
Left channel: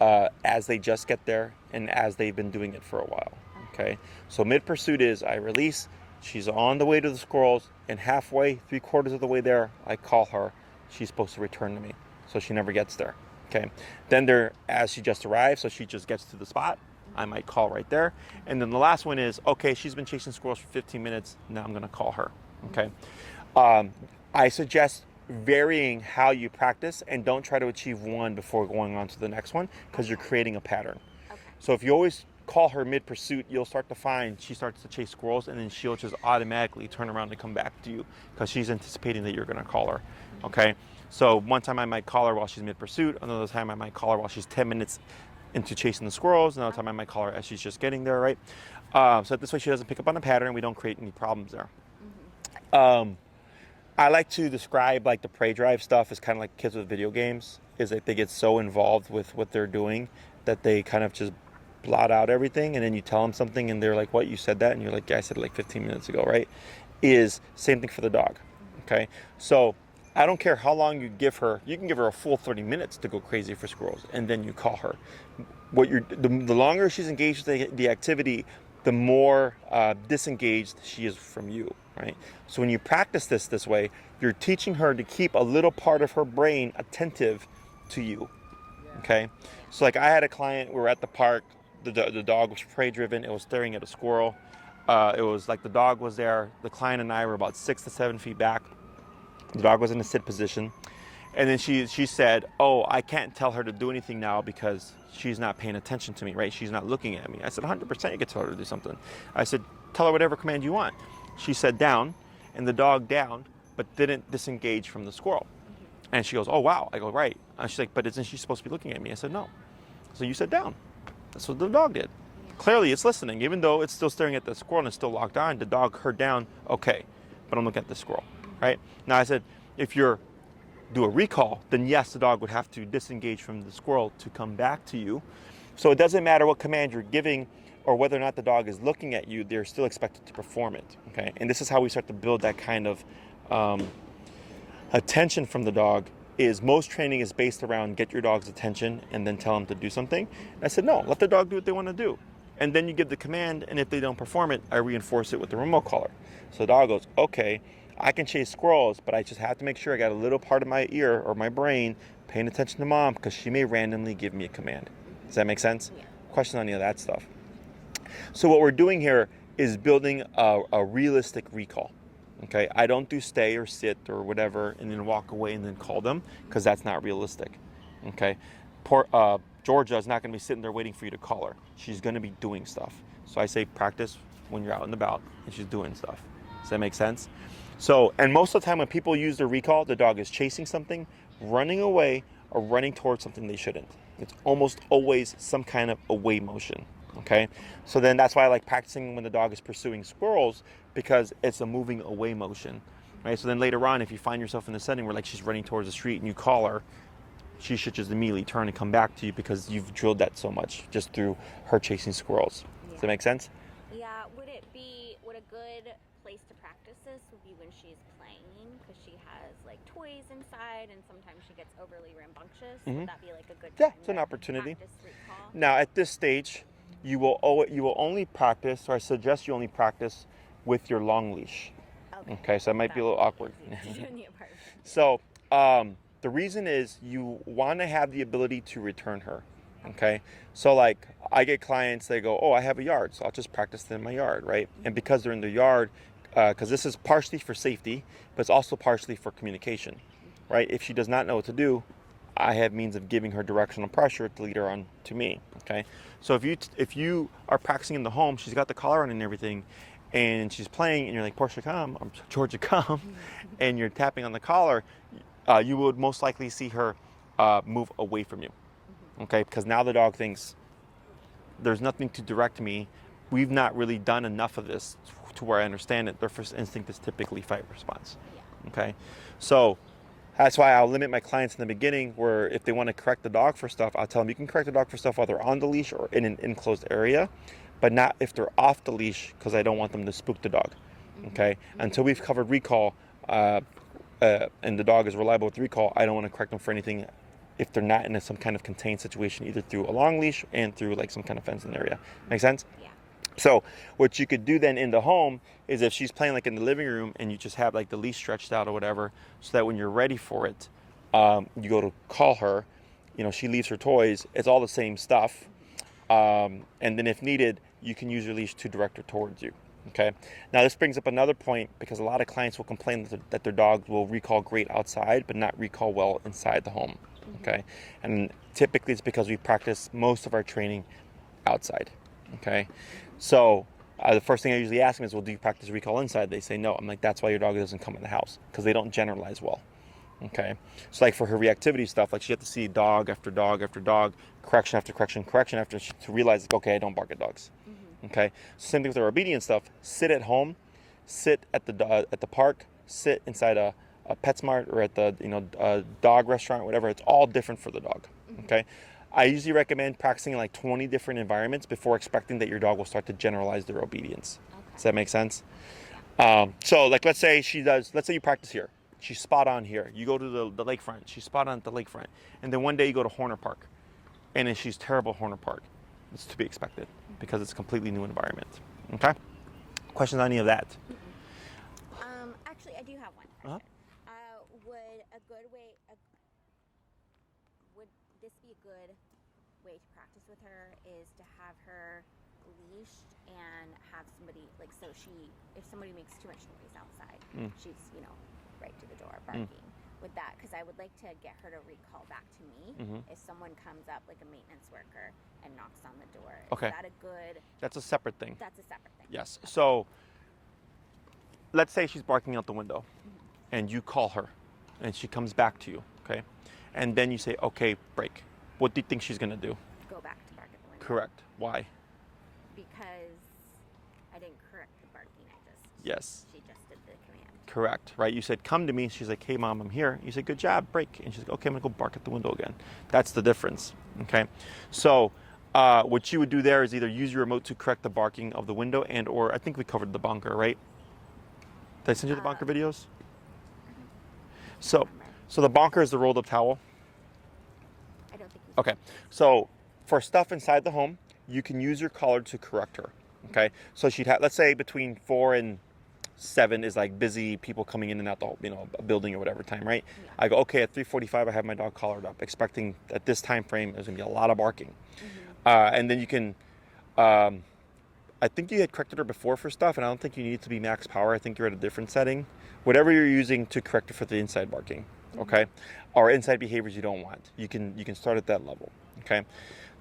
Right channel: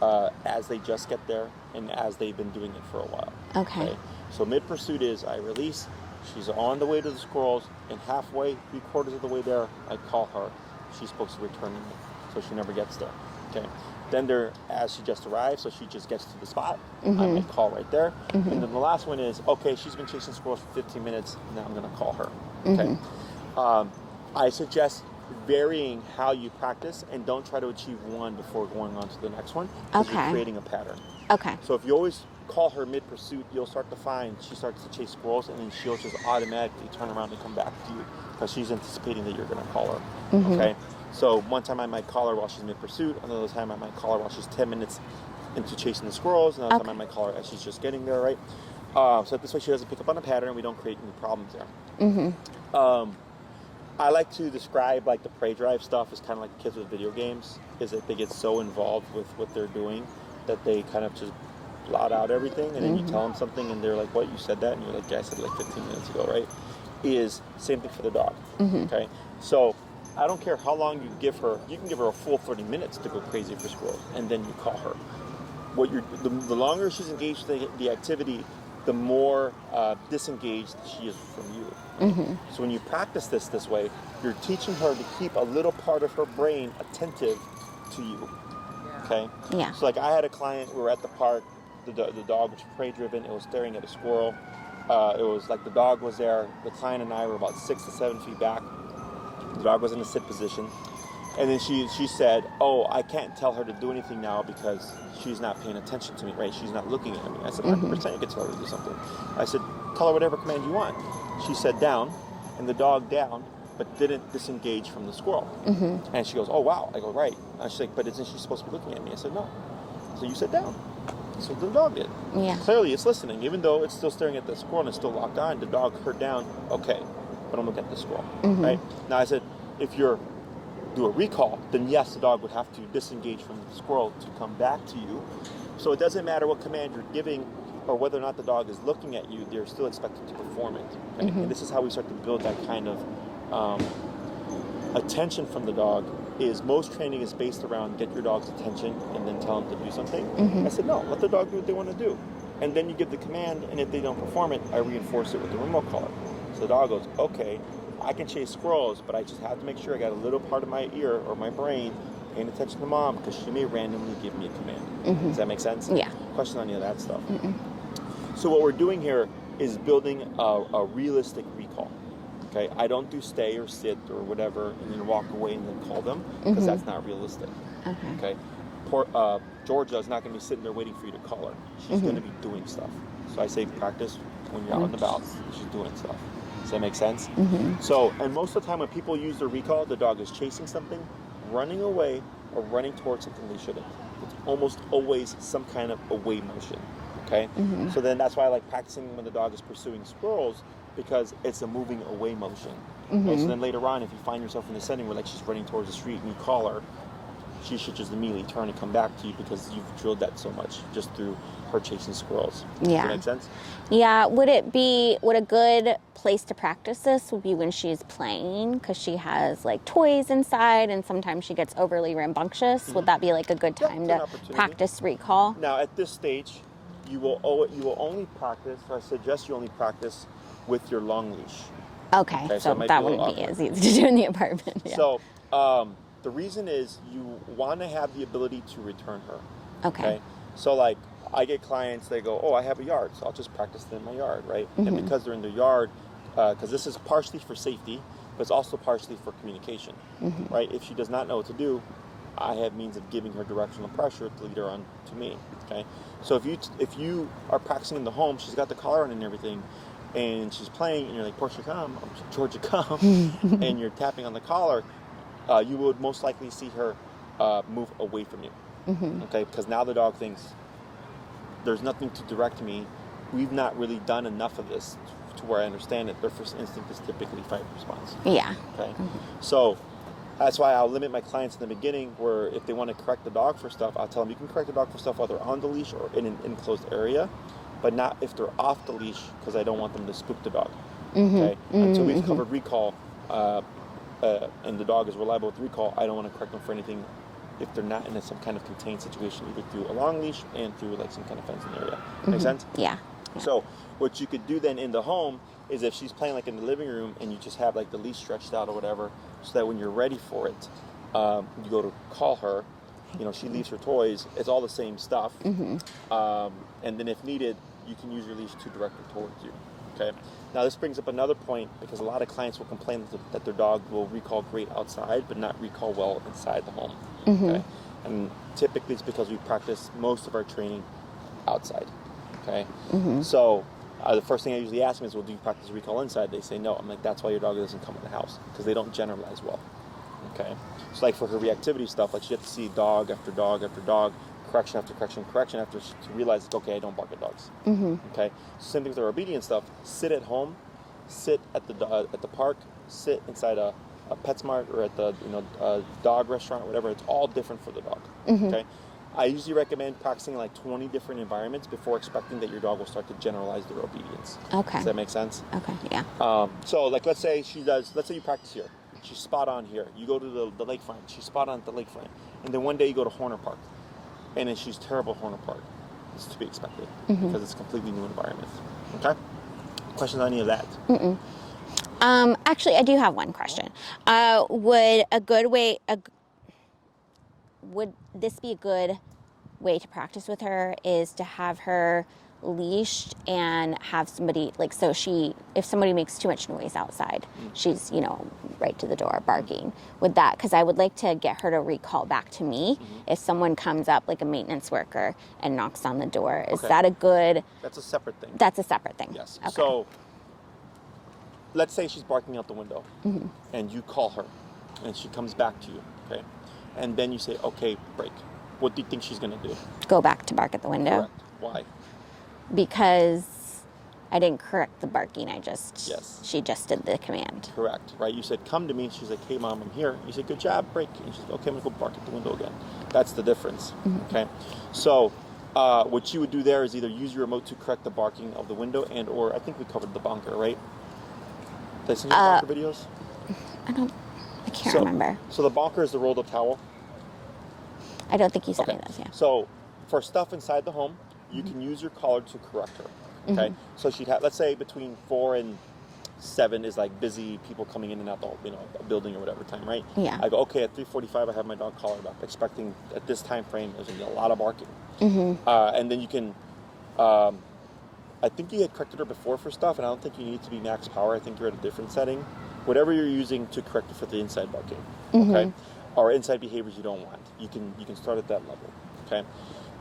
as they just get there, and as they've been doing it for a while. Okay. So mid-pursuit is I release, she's on the way to the squirrels, and halfway, 3/4 of the way there, I call her. She's supposed to return to me, so she never gets there. Okay. Then as she just arrived, so she just gets to the spot, I might call right there. And then the last one is, okay, she's been chasing squirrels for 15 minutes, now I'm going to call her. Okay. I suggest varying how you practice, and don't try to achieve one before going on to the next one, because you're creating a pattern. Okay. So if you always call her mid-pursuit, you'll start to find she starts to chase squirrels, and then she'll just automatically turn around and come back to you because she's anticipating that you're going to call her. Okay. So one time I might call her while she's mid-pursuit. Another time I might call her while she's 10 minutes into chasing the squirrels. Another time I might call her as she's just getting there, right? So this way she doesn't pick up on a pattern. We don't create any problems there. I like to describe like the prey drive stuff as kind of like kids with video games, is that they get so involved with what they're doing that they kind of just blot out everything, and then you tell them something and they're like, what, you said that? And you're like, yeah, I said it like 15 minutes ago, right? Is same thing for the dog. Okay, so I don't care how long you give her. You can give her a full 30 minutes to go crazy for squirrels, and then you call her. The longer she's engaged in the activity, the more disengaged she is from you. Right? So when you practice this way, you're teaching her to keep a little part of her brain attentive to you. Okay. Yeah. So like I had a client. We were at the park. The dog was prey driven. It was staring at a squirrel. It was like the dog was there. The client and I were about 6 to 7 feet back. The dog was in a sit position. And then she said, oh, I can't tell her to do anything now because she's not paying attention to me, right? She's not looking at me. I said, 100% you can tell her to do something. I said, tell her whatever command you want. She said down, and the dog downed, but didn't disengage from the squirrel. And she goes, oh, wow. I go, right. And she's like, but isn't she supposed to be looking at me? I said, no. So you said down. So the dog did. Yeah. Clearly it's listening. Even though it's still staring at the squirrel and it's still locked on, the dog heard down, okay, but I'm looking at the squirrel, right? Now I said, if you're do a recall, then yes, the dog would have to disengage from the squirrel to come back to you. So it doesn't matter what command you're giving or whether or not the dog is looking at you, they're still expected to perform it. Okay, and this is how we start to build that kind of attention from the dog. Is most training is based around get your dog's attention and then tell them to do something. I said no, let the dog do what they want to do, and then you give the command, and if they don't perform it, I reinforce it with the remote collar. So the dog goes, okay, I can chase squirrels, but I just have to make sure I got a little part of my ear or my brain paying attention to mom because she may randomly give me a command. Does that make sense? Yeah. Question on any of that stuff. So what we're doing here is building a realistic recall. Okay, I don't do stay or sit or whatever and then walk away and then call them because that's not realistic. Okay, Georgia is not going to be sitting there waiting for you to call her. She's going to be doing stuff. So I say practice when you're out and about and she's doing stuff. Does that make sense? So, and most of the time when people use their recall, the dog is chasing something, running away, or running towards something they shouldn't. It's almost always some kind of away motion. Okay, so then that's why I like practicing when the dog is pursuing squirrels because it's a moving away motion. Right? So then later on, if you find yourself in a setting where like she's running towards the street and you call her, she should just immediately turn and come back to you because you've drilled that so much just through her chasing squirrels. Does that make sense? Yeah. Would a good place to practice this would be when she's playing because she has like toys inside and sometimes she gets overly rambunctious? Would that be like a good time to practice recall? Now at this stage, you will only practice, or I suggest you only practice with your long leash. Okay, so that wouldn't be as easy to do in the apartment. Yeah. So the reason is you want to have the ability to return her. Okay. So like I get clients, they go, oh, I have a yard, so I'll just practice in my yard, right? And because they're in the yard, because this is partially for safety, but it's also partially for communication, right? If she does not know what to do, I have means of giving her directional pressure to lead her on to me. Okay. So if you are practicing in the home, she's got the collar on and everything, and she's playing, and you're like, Portia, come, Georgia, come, and you're tapping on the collar, you would most likely see her move away from you. Okay, because now the dog thinks there's nothing to direct me. We've not really done enough of this to where I understand it. Their first instinct is typically fight response. Yeah. Okay, so that's why I'll limit my clients in the beginning where if they want to correct the dog for stuff, I'll tell them you can correct the dog for stuff while they're on the leash or in an enclosed area, but not if they're off the leash because I don't want them to spook the dog. Okay, until we've covered recall and the dog is reliable with recall, I don't want to correct them for anything if they're not in some kind of contained situation, either through a long leash and through like some kind of fenced area. Make sense? Yeah. So what you could do then in the home is if she's playing like in the living room and you just have like the leash stretched out or whatever, so that when you're ready for it, you go to call her, she leaves her toys, it's all the same stuff. And then if needed, you can use your leash to direct her towards you. Okay. Now this brings up another point because a lot of clients will complain that their dog will recall great outside, but not recall well inside the home. Okay. And typically it's because we practice most of our training outside. Okay. So the first thing I usually ask them is, well, do you practice recall inside? They say no. I'm like, that's why your dog doesn't come in the house, because they don't generalize well. Okay. So like for her reactivity stuff, like she has to see dog after dog after dog correction after correction, correction after, to realize, okay, I don't bark at dogs. Okay, same thing with our obedience stuff. Sit at home, sit at the park, sit inside a PetSmart or at the dog restaurant, whatever. It's all different for the dog. Okay, I usually recommend practicing in like 20 different environments before expecting that your dog will start to generalize their obedience. Okay. Does that make sense? Okay. Yeah. So like let's say you practice here. She's spot on here. You go to the lakefront. She's spot on at the lakefront. And then one day you go to Horner Park, and then she's terrible at Horner Park. It's to be expected because it's a completely new environment. Okay? Questions on any of that? Actually, I do have one question. Would this be a good way to practice with her is to have her leashed and have somebody if somebody makes too much noise outside, she's right to the door barking with that, because I would like to get her to recall back to me if someone comes up like a maintenance worker and knocks on the door. Is that a good? That's a separate thing. That's a separate thing. Yes. Okay. So let's say she's barking out the window and you call her and she comes back to you, okay, and then you say, okay, break. What do you think she's going to do? Go back to bark at the window. Correct. Why? Because I didn't correct the barking. Yes. She just did the command. Correct, right? You said, come to me. She's like, hey, Mom, I'm here. You said, good job, break. And she's like, okay, I'm going to go bark at the window again. That's the difference, okay? So what you would do there is either use your remote to correct the barking of the window or I think we covered the bonker, right? Did I send you the bonker videos? I can't remember. So the bonker is the rolled up towel. I don't think you said it. Yeah. So for stuff inside the home, you can use your collar to correct her. Okay. So she'd have, let's say between 4 and 7 is like busy people coming in and out the a building or whatever time, right? Yeah. I go, okay, at 3:45 I have my dog collared up, expecting at this time frame there's gonna be a lot of barking. And then you can, I think you had corrected her before for stuff, and I don't think you need to be max power. I think you're at a different setting. Whatever you're using to correct her for the inside barking, okay, or inside behaviors you don't want, you can start at that level, okay.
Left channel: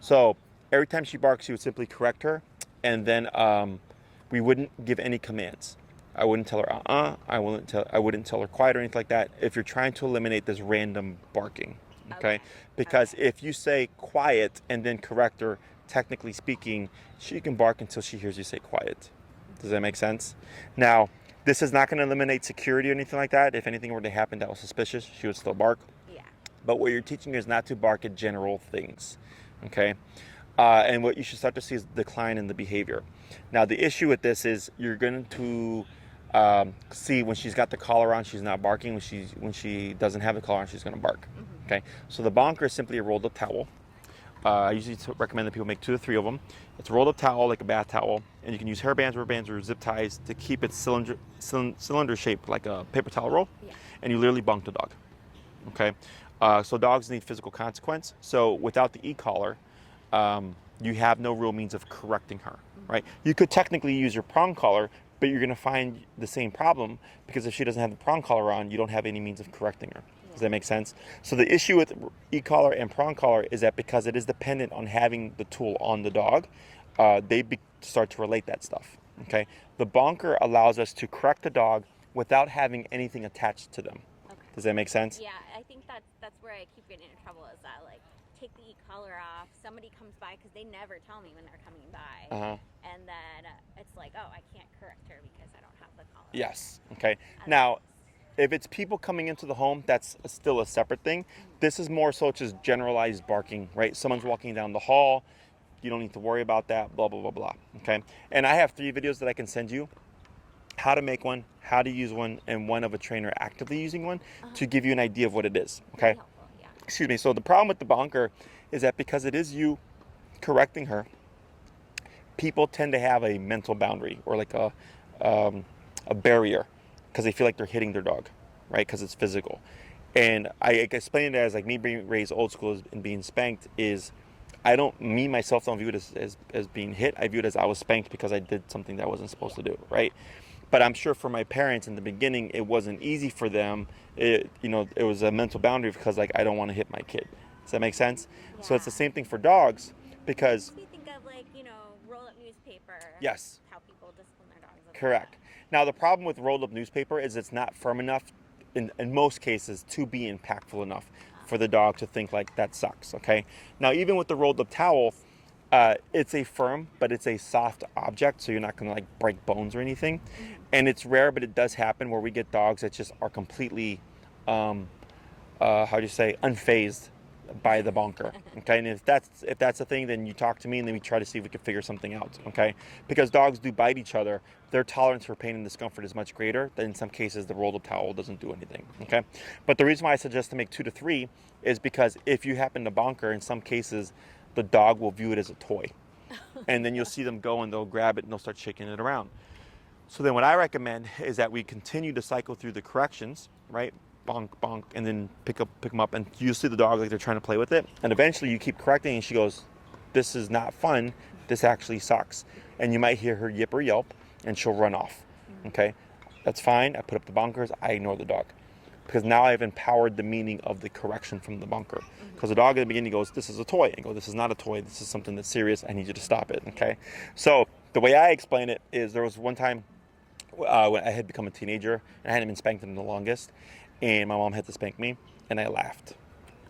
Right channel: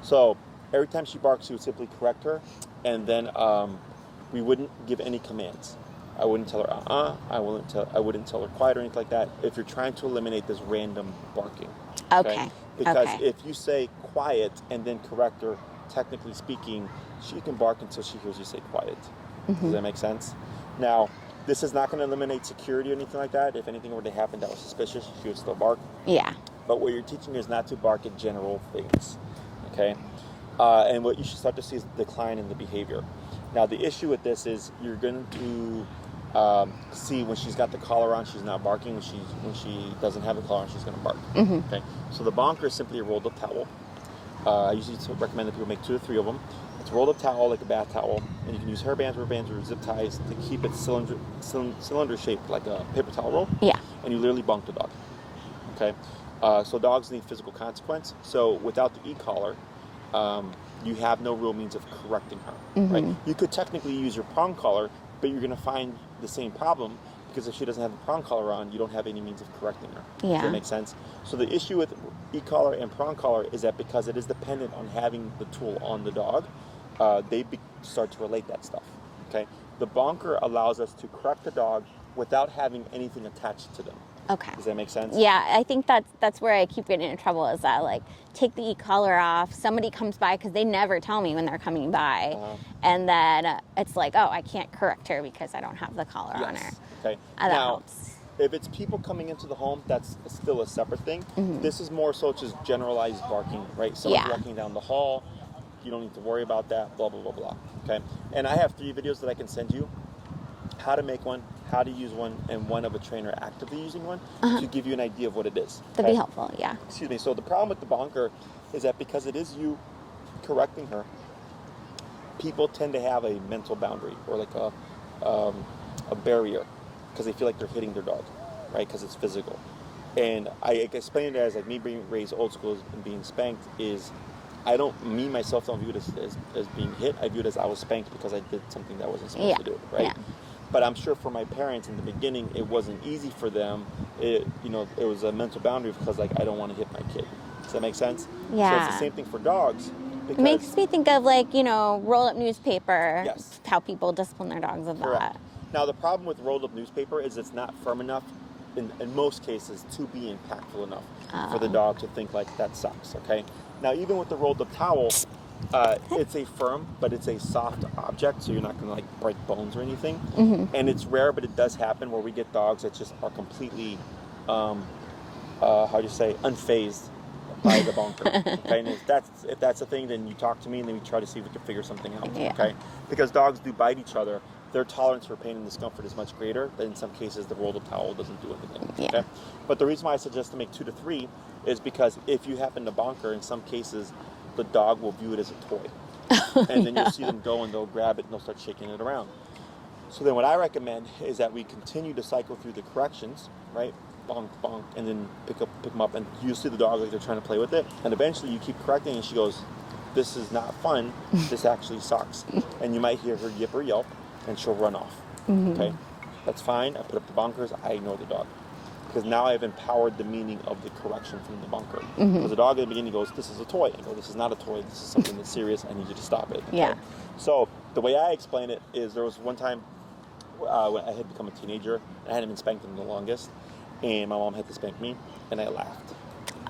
So every time she barks, you would simply correct her, and then we wouldn't give any commands. I wouldn't tell her I wouldn't tell her quiet or anything like that. If you're trying to eliminate this random barking, okay. Because if you say quiet and then correct her, technically speaking, she can bark until she hears you say quiet. Does that make sense? Now, this is not going to eliminate security or anything like that. If anything were to happen that was suspicious, she would still bark. Yeah. But what you're teaching her is not to bark at general things, okay? And what you should start to see is a decline in the behavior. Now, the issue with this is you're going to see when she's got the collar on, she's not barking. When she doesn't have the collar on, she's going to bark. Okay. So the bonker is simply a rolled up towel. I usually recommend that people make 2 to 3 of them. It's a rolled up towel like a bath towel, and you can use hair bands, rubber bands, or zip ties to keep it cylinder shaped like a paper towel roll. Yeah. And you literally bonk the dog. Okay. So dogs need physical consequence. So without the e-collar, you have no real means of correcting her, right? You could technically use your prong collar, but you're going to find the same problem because if she doesn't have the prong collar on, you don't have any means of correcting her. Yeah. Does that make sense? So the issue with e-collar and prong collar is that because it is dependent on having the tool on the dog, they start to relate that stuff, okay? The bonker allows us to correct the dog without having anything attached to them. Okay. Does that make sense? Yeah, I think that's where I keep getting in trouble is that, like, take the e-collar off, somebody comes by, because they never tell me when they're coming by, and then it's like, oh, I can't correct her because I don't have the collar on her. Okay. Now, if it's people coming into the home, that's still a separate thing. This is more so just generalized barking, right? Someone's walking down the hall, you don't need to worry about that, blah, blah, blah, blah, okay? And I have 3 videos that I can send you. How to make one, how to use one, and one of a trainer actively using one to give you an idea of what it is. Okay? That'd be helpful, yeah. Excuse me. So the problem with the bonker is that because it is you correcting her, people tend to have a mental boundary or like a barrier because they feel like they're hitting their dog, right? Because it's physical. And I explain it as like me being raised old school and being spanked is myself don't view it as being hit. I view it as I was spanked because I did something that I wasn't supposed to do, right? Yeah. But I'm sure for my parents in the beginning, it wasn't easy for them. It was a mental boundary because like I don't want to hit my kid. Does that make sense? Yeah. So it's the same thing for dogs. Because it makes me think of like roll up newspaper. Yes. How people discipline their dogs with that. Now the problem with rolled up newspaper is it's not firm enough in most cases, to be impactful enough for the dog to think like that sucks. Okay. Now, even with the rolled up towel, it's a firm, but it's a soft object, so you're not going to like break bones or anything. And it's rare, but it does happen where we get dogs that just are completely, how do you say, unfazed by the bunker. Okay, and if that's the thing, then you talk to me, and then we try to see if we can figure something out. Yeah. Okay, because dogs do bite each other. Their tolerance for pain and discomfort is much greater. Than in some cases, the rolled up towel doesn't do anything. Yeah. Okay, but the reason why I suggest to make 2 to 3 is because if you happen to bonker, in some cases, the dog will view it as a toy, and then you'll see them go and they'll grab it and they'll start shaking it around. So then what I recommend is that we continue to cycle through the corrections, right? Bonk, bonk, and then pick them up, and you see the dog like they're trying to play with it, and eventually you keep correcting, and she goes, "This is not fun. This actually sucks." And you might hear her yip or yelp, and she'll run off. Okay, that's fine. I put up the bonkers. I ignore the dog because now I've empowered the meaning of the correction from the bunker. Because the dog at the beginning goes, "This is a toy." I go, "This is not a toy. This is something that's serious. I need you to stop it." Okay. Yeah. So the way I explain it is, there was one time when I had become a teenager and I hadn't been spanked in the longest, and my mom had to spank me, and I laughed.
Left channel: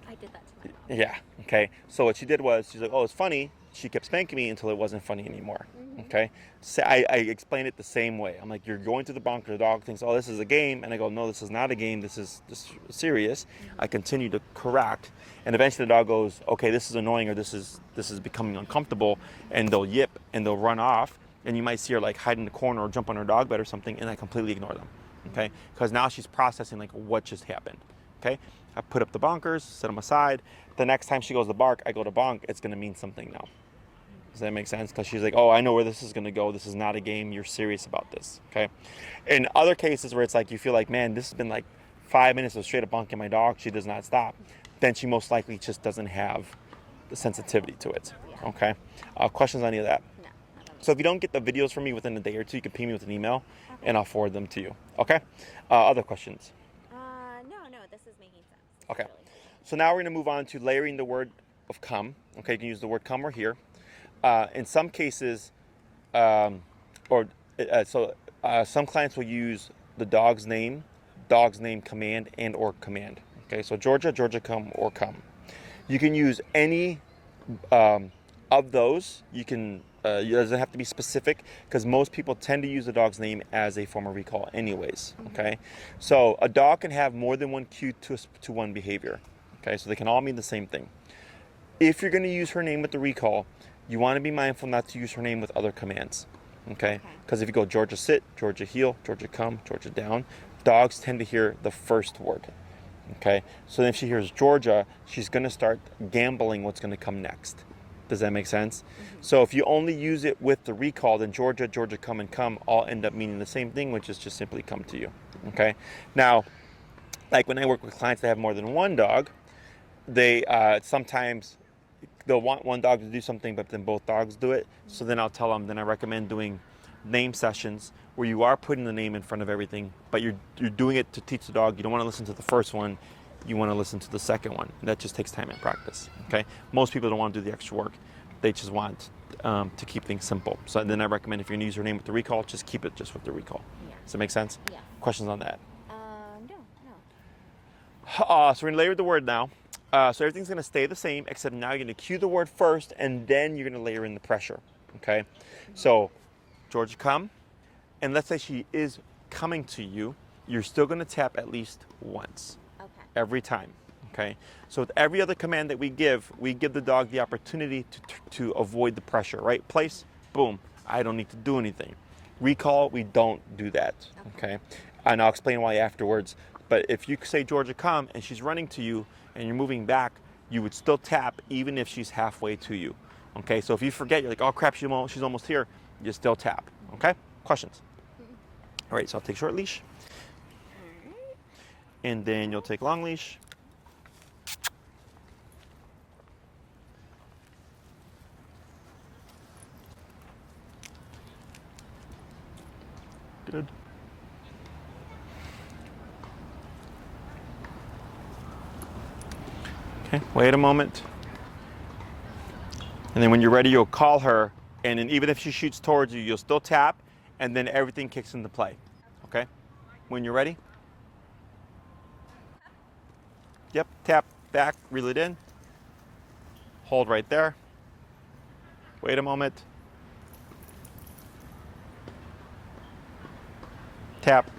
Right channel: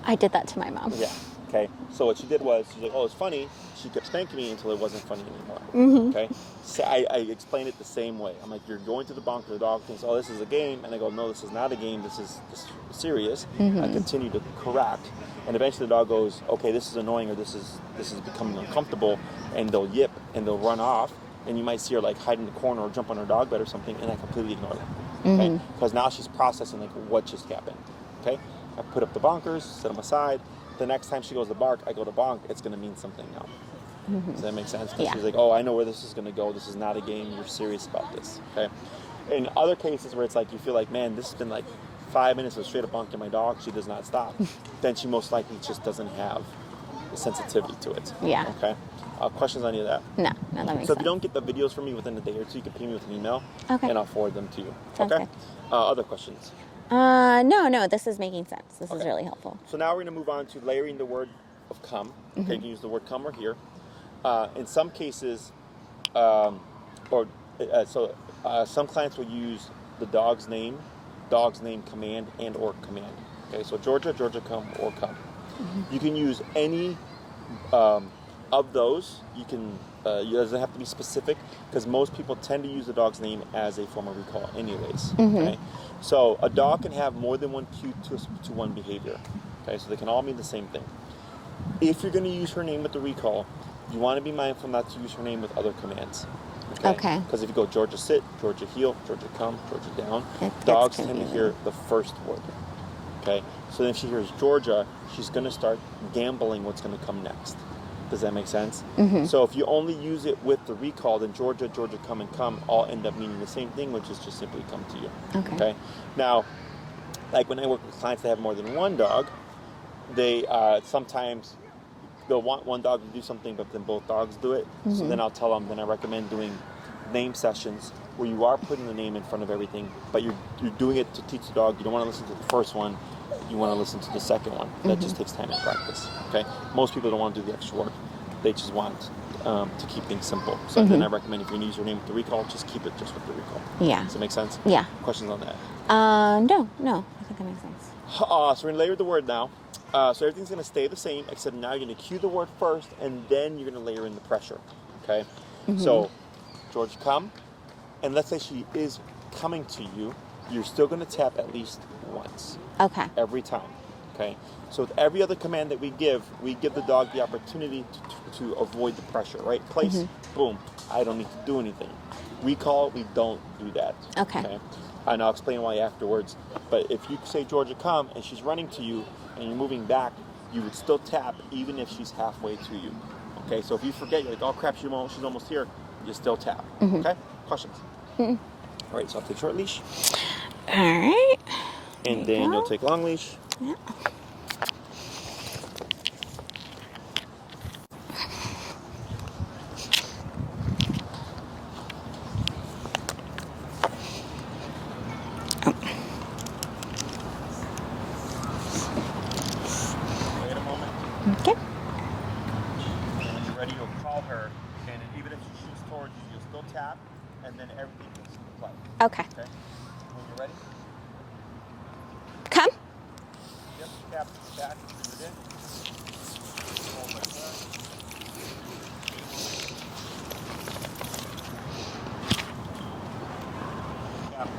I did that to my mom. Yeah. Okay. So what she did was, she's like, "Oh, it's funny." She kept spanking me until it wasn't funny anymore. Okay. So I explained it the same way. I'm like, "You're going to the bunker. The dog thinks, oh, this is a game," and I go, "No, this is not a game. This is serious." I continue to correct, and eventually the dog goes, "Okay, this is annoying," or this is becoming uncomfortable," and they'll yip and they'll run off, and you might see her like hide in the corner or jump on her dog bed or something, and I completely ignore them. Okay. Because now she's processing like what just happened. Okay. I put up the bonkers, set them aside. The next time she goes to bark, I go to bonk. It's going to mean something now. Does that make sense? Because Yeah. she's like, "Oh, I know where this is going to go. This is not a game. You're serious about this." Okay. In other cases where it's like you feel like, "Man, this has been like 5 minutes of straight up bonking my dog. She does not stop." Then she most likely just doesn't have the sensitivity to it. Yeah. Okay. Questions on any of that? No, that makes So if sense. you don't get the videos from me within a day or two, you can ping me with an email, Okay. and I'll forward them to you. Sounds Okay. Other questions? No, this is making sense. This is Okay. really helpful. So now we're going to move on to layering the word of come. Okay, you can use the word come or here. In some cases, some clients will use the dog's name command, and or command. Okay, so Georgia come or come. You can use any of those. You can. It doesn't have to be specific, because most people tend to use the dog's name as a form of recall anyways. Okay, so a dog can have more than one cue to one behavior. Okay, so they can all mean the same thing. If you're going to use her name with the recall, you want to be mindful not to use her name with other commands. Okay. Because if you go Georgia sit, Georgia heel, Georgia come, Georgia down, dogs tend to hear the first word. Okay, so then if she hears Georgia, she's going to start gambling what's going to come next. Does that make sense? So if you only use it with the recall, then Georgia come, and come all end up meaning the same thing, which is just simply come to you. Okay. Now, like when I work with clients that have more than one dog, they sometimes they'll want one dog to do something, but then both dogs do it. So then I'll tell them, then I recommend doing name sessions where you are putting the name in front of everything, but you're doing it to teach the dog. You don't want to listen to the first one. You want to listen to the second one. That just takes time and practice. Okay. Most people don't want to do the extra work. They just want to keep things simple. So then I recommend, if you're going to use your name with the recall, just keep it just with the recall. Yeah. Does that make sense? Yeah. Questions on that? No. I think that makes sense. So we're going to layer the word now. So everything's going to stay the same, except now you're going to cue the word first, and then you're going to layer in the pressure. Okay. So Georgia come, and let's say she is coming to you. You're still going to tap at least once. Okay. Every time. Okay. So with every other command that we give the dog the opportunity to avoid the pressure, right? Place, boom, I don't need to do anything. Recall, we don't do that. Okay. And I'll explain why afterwards. But if you say Georgia come and she's running to you and you're moving back, you would still tap even if she's halfway to you. Okay. So if you forget, you're like, "Oh crap, she's almost here," you still tap. Okay. Questions? All right. So I'll take short leash. All right. And then you'll take long leash. Yeah. Good. Okay, wait a moment. Okay. And then when you're ready, you'll call her. And then even if she shoots towards you, you'll still tap. And then everything kicks into play. Okay. Okay? When you're ready. Yep, tap, back, reel it in. Hold right there. Wait a moment. Tap.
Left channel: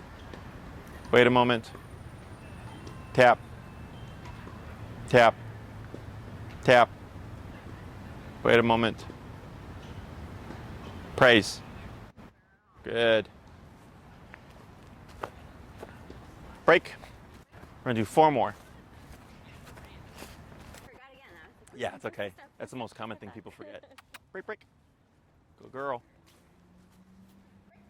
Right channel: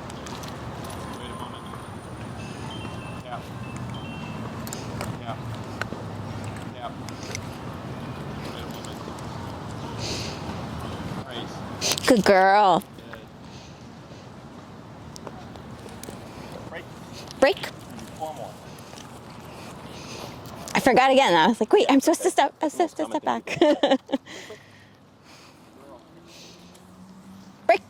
Wait a moment. Tap. Tap. Tap. Wait a moment. Praise. Good girl. Good. Break. Break. We're gonna do 4 more. I forgot again. I was like, wait, Yeah, I'm it's supposed okay. to step. I'm That's the most supposed to step common back. thing people do. Break, break. Good girl. Break.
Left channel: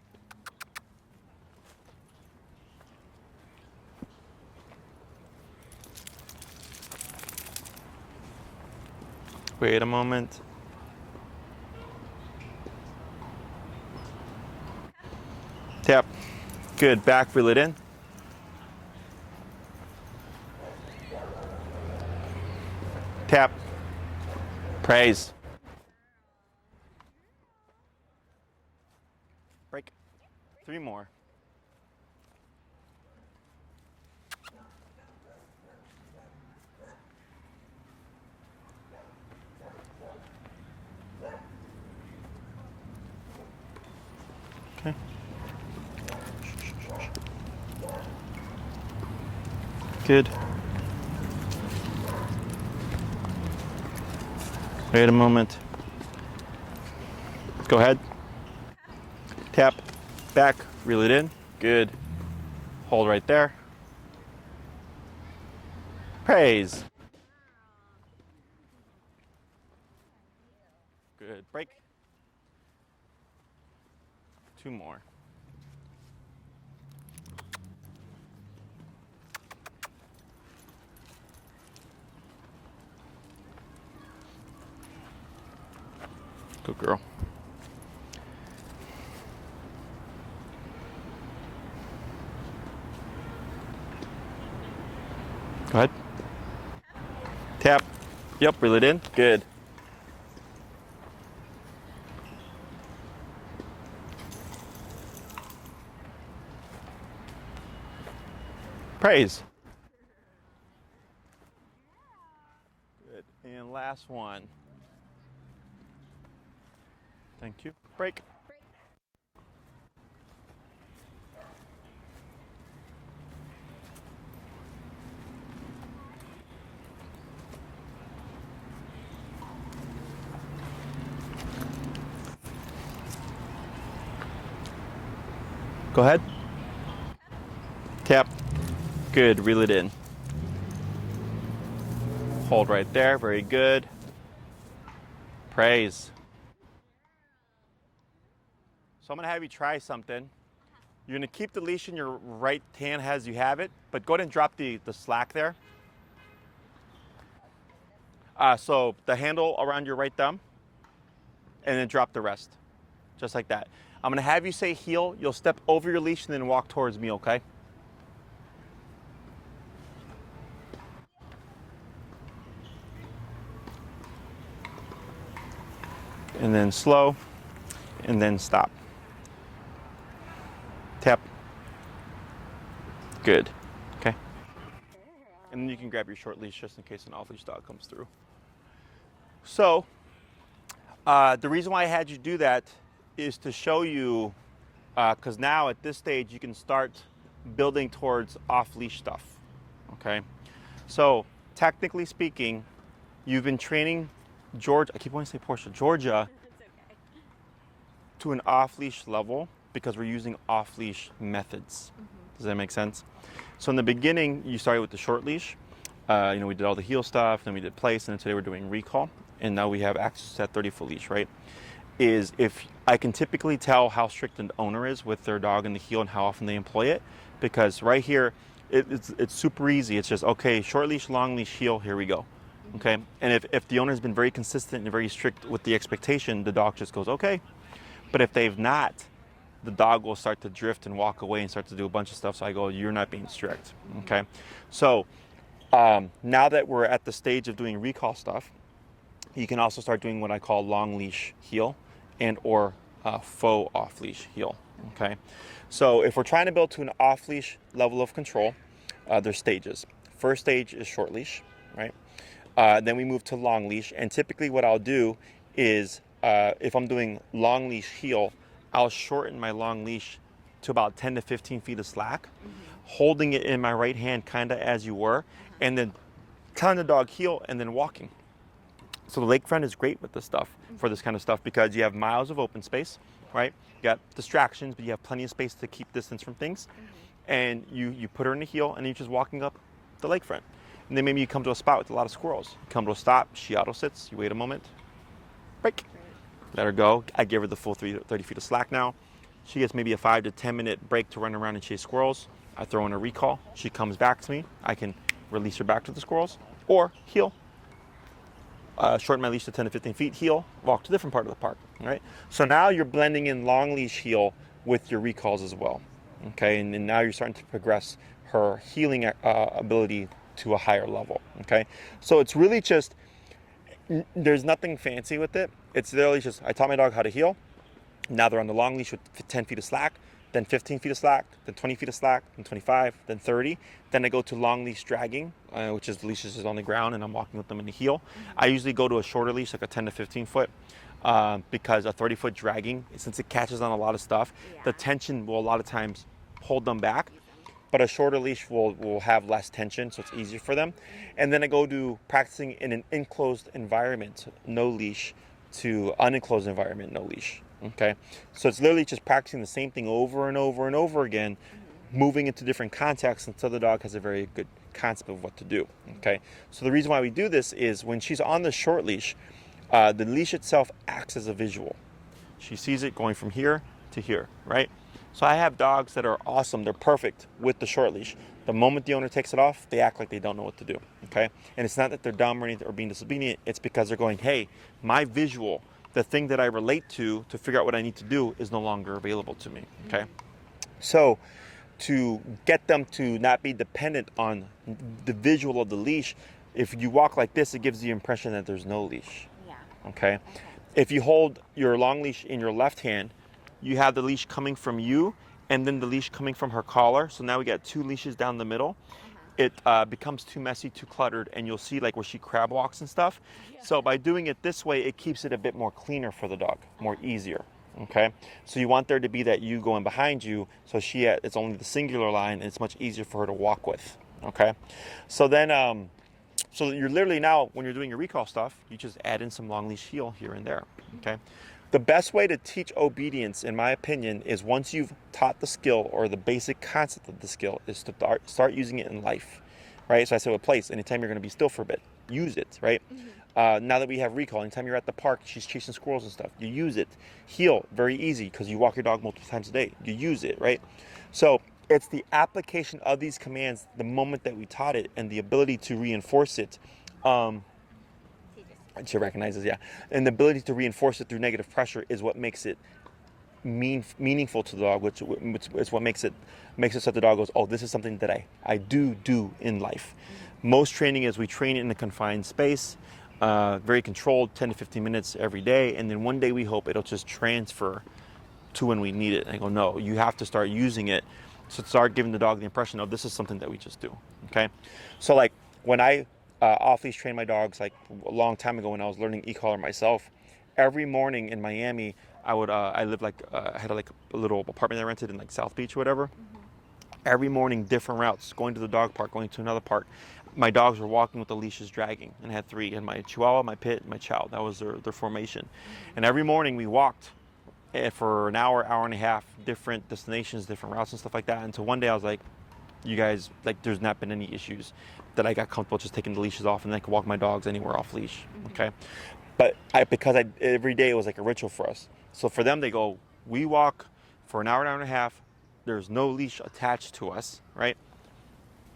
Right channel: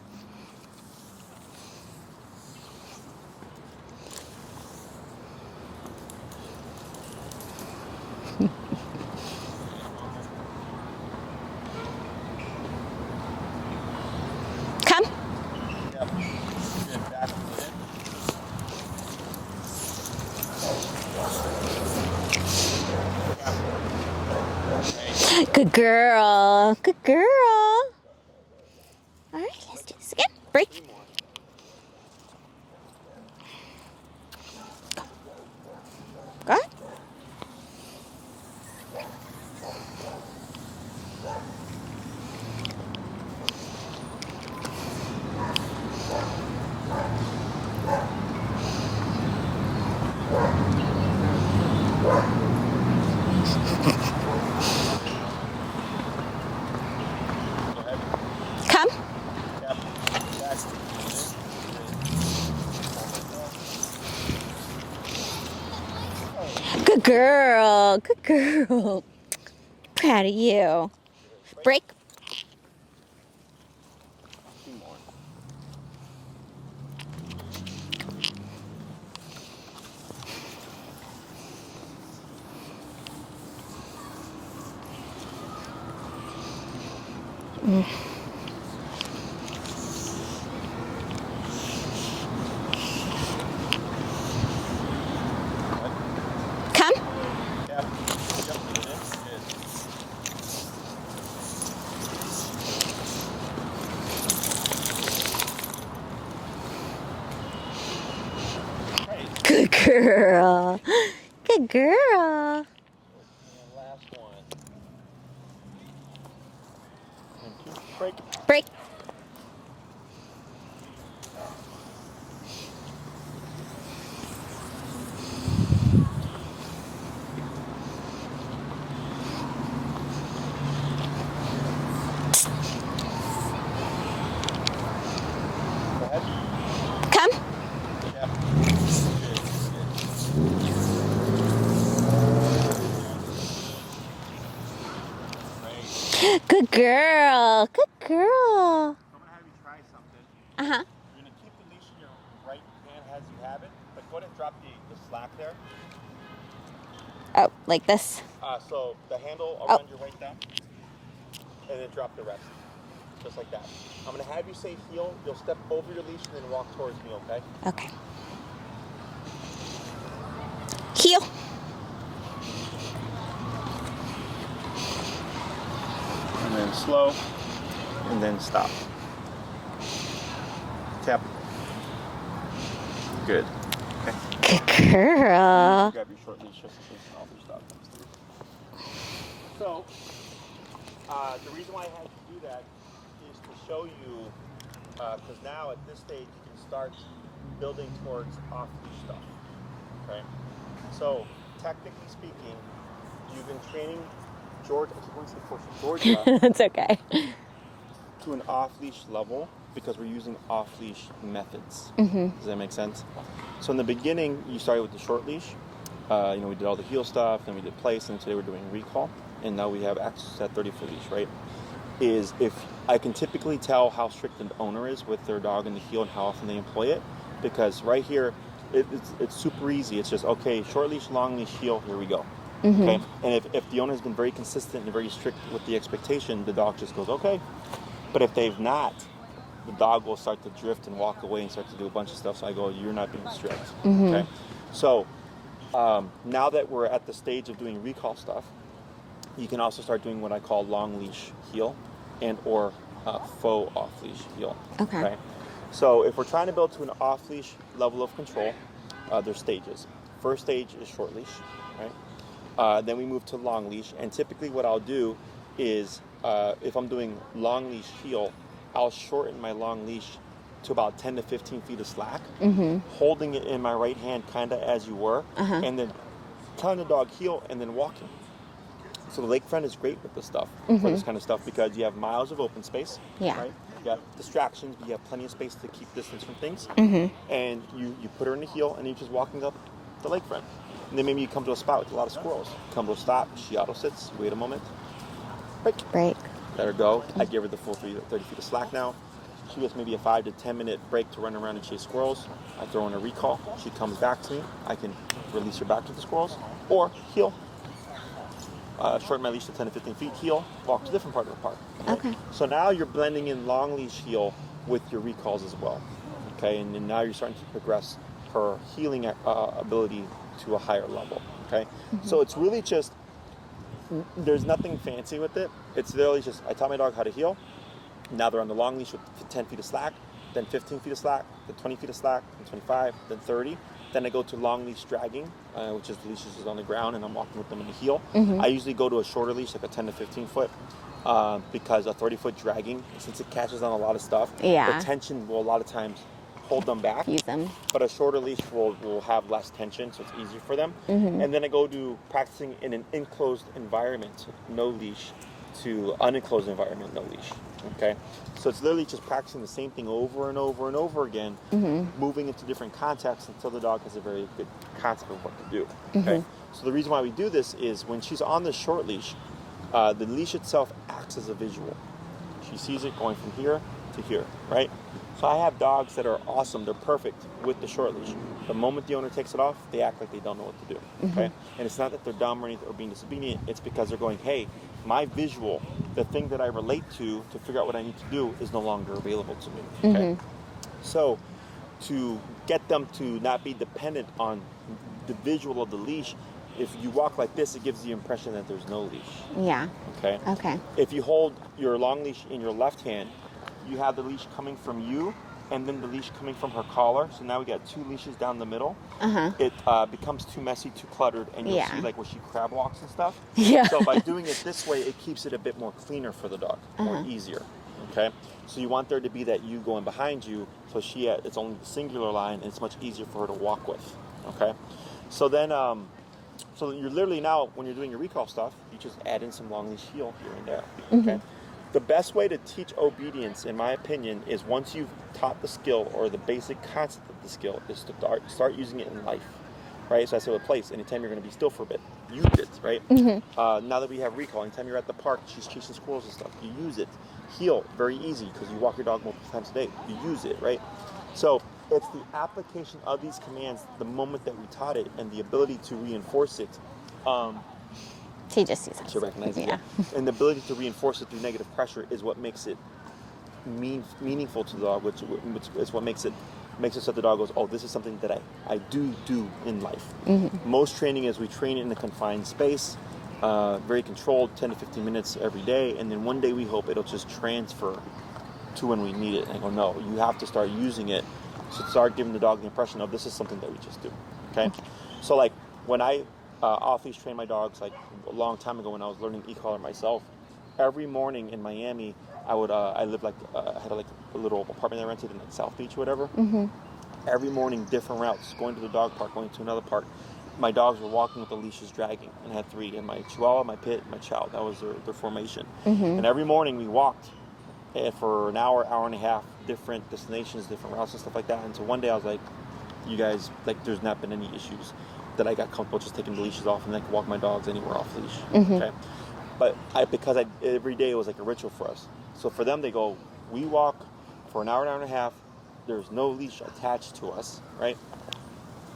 Wait a moment. Come. Tap. Good. Back, reel it in. Tap. Praise. Good girl. Good girl. All right, let's do this again. Break. 3 more. Go ahead. Good. Wait a moment. Go ahead. Come. Tap. Back. Reel it in. Good. Hold right there. Praise. Good girl. Good girl. Proud of you. Good. Break. 2 more. Good girl. Go ahead. Come. Tap. Yep, reel it in. Good. Praise. Good girl. Good girl. Good. And last one. Thank you. Break. Break. Go ahead. Come. Tap. Good. Reel it in. Hold right there. Very good. Praise. Good girl. Good girl. So I'm going to have you try something. Uh-huh. You're going to keep the leash in your right hand as you have it, but go ahead and drop the slack there. Oh, like this? So the handle around your right thumb, and then drop the rest. Just like that. I'm going to have you say heel. You'll step over your leash and then walk towards me, okay? Okay. Heel. And then slow, and then stop. Tap. Good. Okay. Good girl. Grab your short leash just in case an off-leash dog comes through. So, the reason why I had you do that is to show you, because now at this stage you can start building towards off-leash stuff. Okay. So, technically speaking, you've been training Georgia. I keep wanting to say Portia, Georgia. It's okay. To an off-leash level because we're using off-leash methods. Mm-hmm. Does that make sense? So in the beginning, you started with the short leash. We did all the heel stuff, then we did place, and today we're doing recall. And now we have access to that 30-foot leash, right? Is if I can typically tell how strict an owner is with their dog in the heel and how often they employ it, because right here, it's super easy. It's just, okay, short leash, long leash, heel, here we go. Mm-hmm. Okay. And if the owner has been very consistent and very strict with the expectation, the dog just goes, okay. But if they've not, the dog will start to drift and walk away and start to do a bunch of stuff. So I go, you're not being strict. Mm-hmm. Okay. So now that we're at the stage of doing recall stuff, you can also start doing what I call long leash heel and or faux off leash heel. Okay. So if we're trying to build to an off leash level of control, there's stages. First stage is short leash, right? Then we move to long leash, and typically what I'll do is if I'm doing long leash heel, I'll shorten my long leash to about 10 to 15 feet of slack, holding it in my right hand kind of as you were, and then telling the dog heel and then walking. So the lakefront is great with this stuff, for this kind of stuff, because you have miles of open space, right? You got distractions, but you have plenty of space to keep distance from things. And you put her in the heel, and you're just walking up the lakefront. And then maybe you come to a spot with a lot of squirrels. Come to a stop, she auto sits, you wait a moment, break. Let her go. I give her the full 30 feet of slack now. She gets maybe a 5 to 10 minute break to run around and chase squirrels. I throw in a recall. She comes back to me. I can release her back to the squirrels, or heel. Shorten my leash to 10 to 15 feet, heel, walk to a different part of the park. Right? So now you're blending in long leash heel with your recalls as well. Okay, and now you're starting to progress her healing ability to a higher level. Okay, so it's really just, there's nothing fancy with it. It's literally just, I taught my dog how to heel. Now they're on the long leash with 10 feet of slack, then 15 feet of slack, then 20 feet of slack, then 25, then 30. Then I go to long leash dragging, which is the leash is on the ground and I'm walking with them in the heel. I usually go to a shorter leash, like a 10 to 15 foot, because a 30-foot dragging, since it catches on a lot of stuff, the tension will a lot of times hold them back. Use them. But a shorter leash will have less tension, so it's easier for them. And then I go to practicing in an enclosed environment, so no leash, to unenclosed environment, no leash. Okay, so it's literally just practicing the same thing over and over and over again, moving into different contexts until the dog has a very good concept of what to do. Okay, so the reason why we do this is when she's on the short leash, the leash itself acts as a visual. She sees it going from here to here, right? So I have dogs that are awesome, they're perfect with the short leash. The moment the owner takes it off, they act like they don't know what to do, okay? And it's not that they're dumb or anything or being disobedient, it's because they're going, hey, my visual, the thing that I relate to figure out what I need to do is no longer available to me, okay? So to get them to not be dependent on the visual of the leash, if you walk like this, it gives the impression that there's no leash. Okay? If you hold your long leash in your left hand, you have the leash coming from you and then the leash coming from her collar. So now we got two leashes down the middle. It becomes too messy, too cluttered, and you'll see like where she crab walks and stuff. So by doing it this way, it keeps it a bit more cleaner for the dog, more easier. Okay, so you want there to be that you going behind you, so it's only the singular line, and it's much easier for her to walk with. Okay, so then so you're literally now, when you're doing your recall stuff, you just add in some long leash heel here and there. Okay. The best way to teach obedience, in my opinion, is once you've taught the skill or the basic concept of the skill, is to start using it in life, right? So I say with place, anytime you're going to be still for a bit, use it, right? Now that we have recall, anytime you're at the park, she's chasing squirrels and stuff, you use it. Heel, very easy, because you walk your dog multiple times a day, you use it, right? So it's the application of these commands the moment that we taught it and the ability to reinforce it. He just sees it. She recognizes, and the ability to reinforce it through negative pressure is what makes it meaningful to the dog, which is what makes it so the dog goes, oh, this is something that I do in life. Most training is we train in a confined space, very controlled, 10 to 15 minutes every day, and then one day we hope it'll just transfer to when we need it. And I go, no, you have to start using it to start giving the dog the impression of this is something that we just do. Okay, so like when I off-leash train my dogs, like a long time ago when I was learning e-collar myself, every morning in Miami, I lived I had like a little apartment I rented in like South Beach or whatever. Every morning, different routes, going to the dog park, going to another park. My dogs were walking with the leashes dragging, and I had three, and my Chihuahua, my Pit, and my Chow. That was their formation. And every morning we walked for an hour and a half, different destinations, different routes and stuff like that. And so one day I was like, you guys, like there's not been any issues that I got comfortable just taking the leashes off and I could walk my dogs anywhere off leash. Okay, but because every day it was like a ritual for us. So for them, they go, we walk for an hour and a half. There's no leash attached to us, right?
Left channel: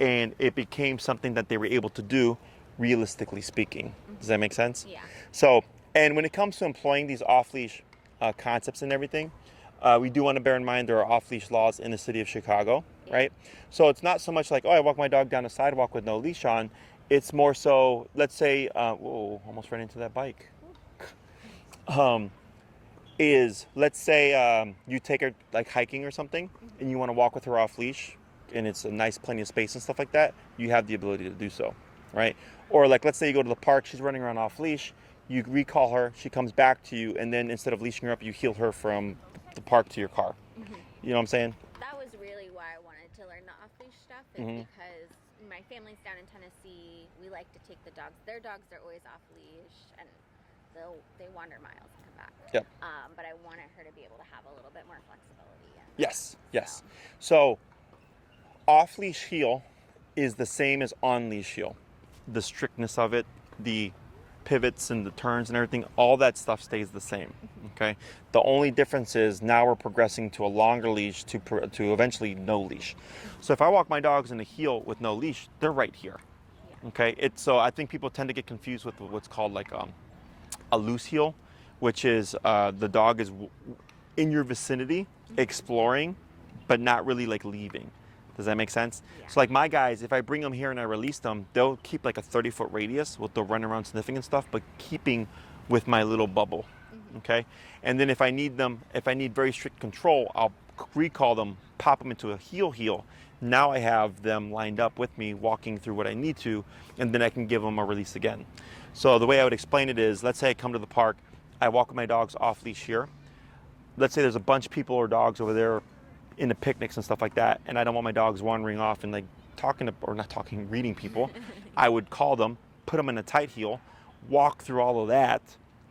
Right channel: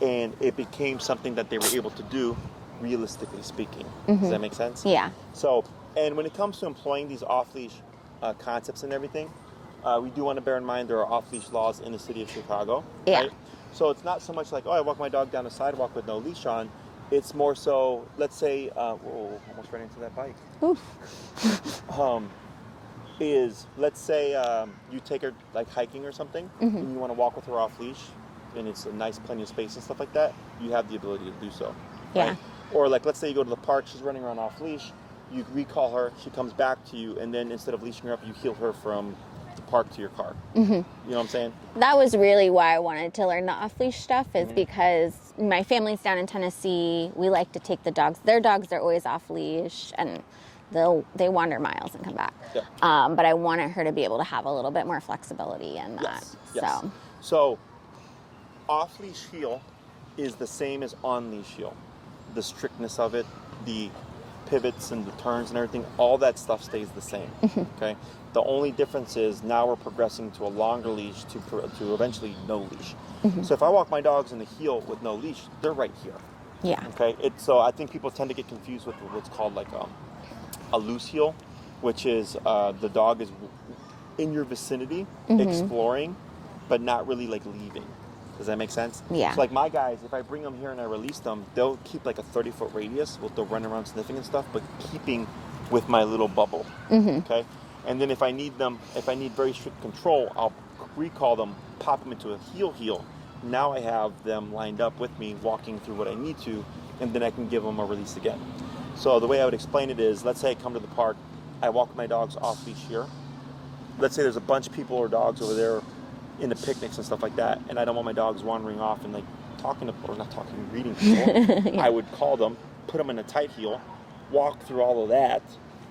And it became something that they were able to do, realistically speaking. Does that make sense? Yeah. So, and when it comes to employing these off-leash concepts and everything, we do want to bear in mind there are off-leash laws in the city of Chicago, right? So it's not so much like, oh, I walk my dog down the sidewalk with no leash on. It's more so, let's say, whoa, almost ran into that bike. Let's say you take her like hiking or something, and you want to walk with her off leash. and it's a nice plenty of space and stuff like that, you have the ability to do so, right? Yeah. Or like, let's say you go to the park, she's running around off leash, you recall her, she comes back to you, and then instead of leashing her up, you heel her from the park to your car. You know what I'm saying? That was really why I wanted to learn the off-leash stuff, is because my family's down in Tennessee. We like to take the dogs. Their dogs are always off-leash, and they wander miles and come back. Yep. But I wanted her to be able to have a little bit more flexibility in that. Yes. So off-leash heel is the same as on-leash heel. The strictness of it, the pivots and the turns and everything, all that stuff stays the same. Okay. The only difference is now we're progressing to a longer leash to eventually no leash. So if I walk my dogs in the heel with no leash, they're right here. Yeah. Okay. So I think people tend to get confused with what's called like a loose heel, which is the dog is in your vicinity exploring, but not really like leaving. Does that make sense? Yeah. So like my guys, if I bring them here and I release them, they'll keep like a 30-foot radius with the run around sniffing and stuff, but keeping with my little bubble. Okay. And then if I need very strict control, I'll recall them, pop them into a heel. Now I have them lined up with me, walking through what I need to, and then I can give them a release again. So the way I would explain it is, let's say I come to the park, I walk my dogs off leash here. Let's say there's a bunch of people or dogs over there in the picnics and stuff like that, and I don't want my dogs wandering off and like reading people. I would call them, put them in a tight heel, walk through all of that,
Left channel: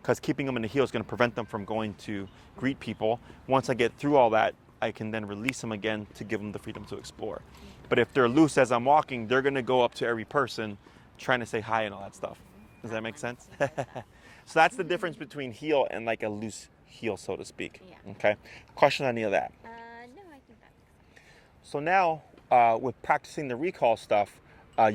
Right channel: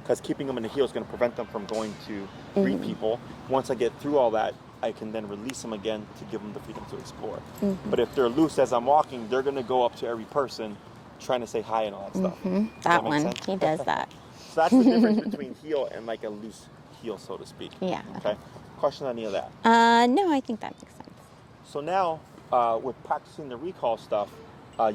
because keeping them in the heel is going to prevent them from going to greet people. Once I get through all that, I can then release them again to give them the freedom to explore. But if they're loose as I'm walking, they're going to go up to every person trying to say hi and all that stuff. That one, he does that. So that's the difference between heel and like a loose heel, so to speak. Yeah. Okay. Question on any of that? No, I think that makes sense. So now, with practicing the recall stuff,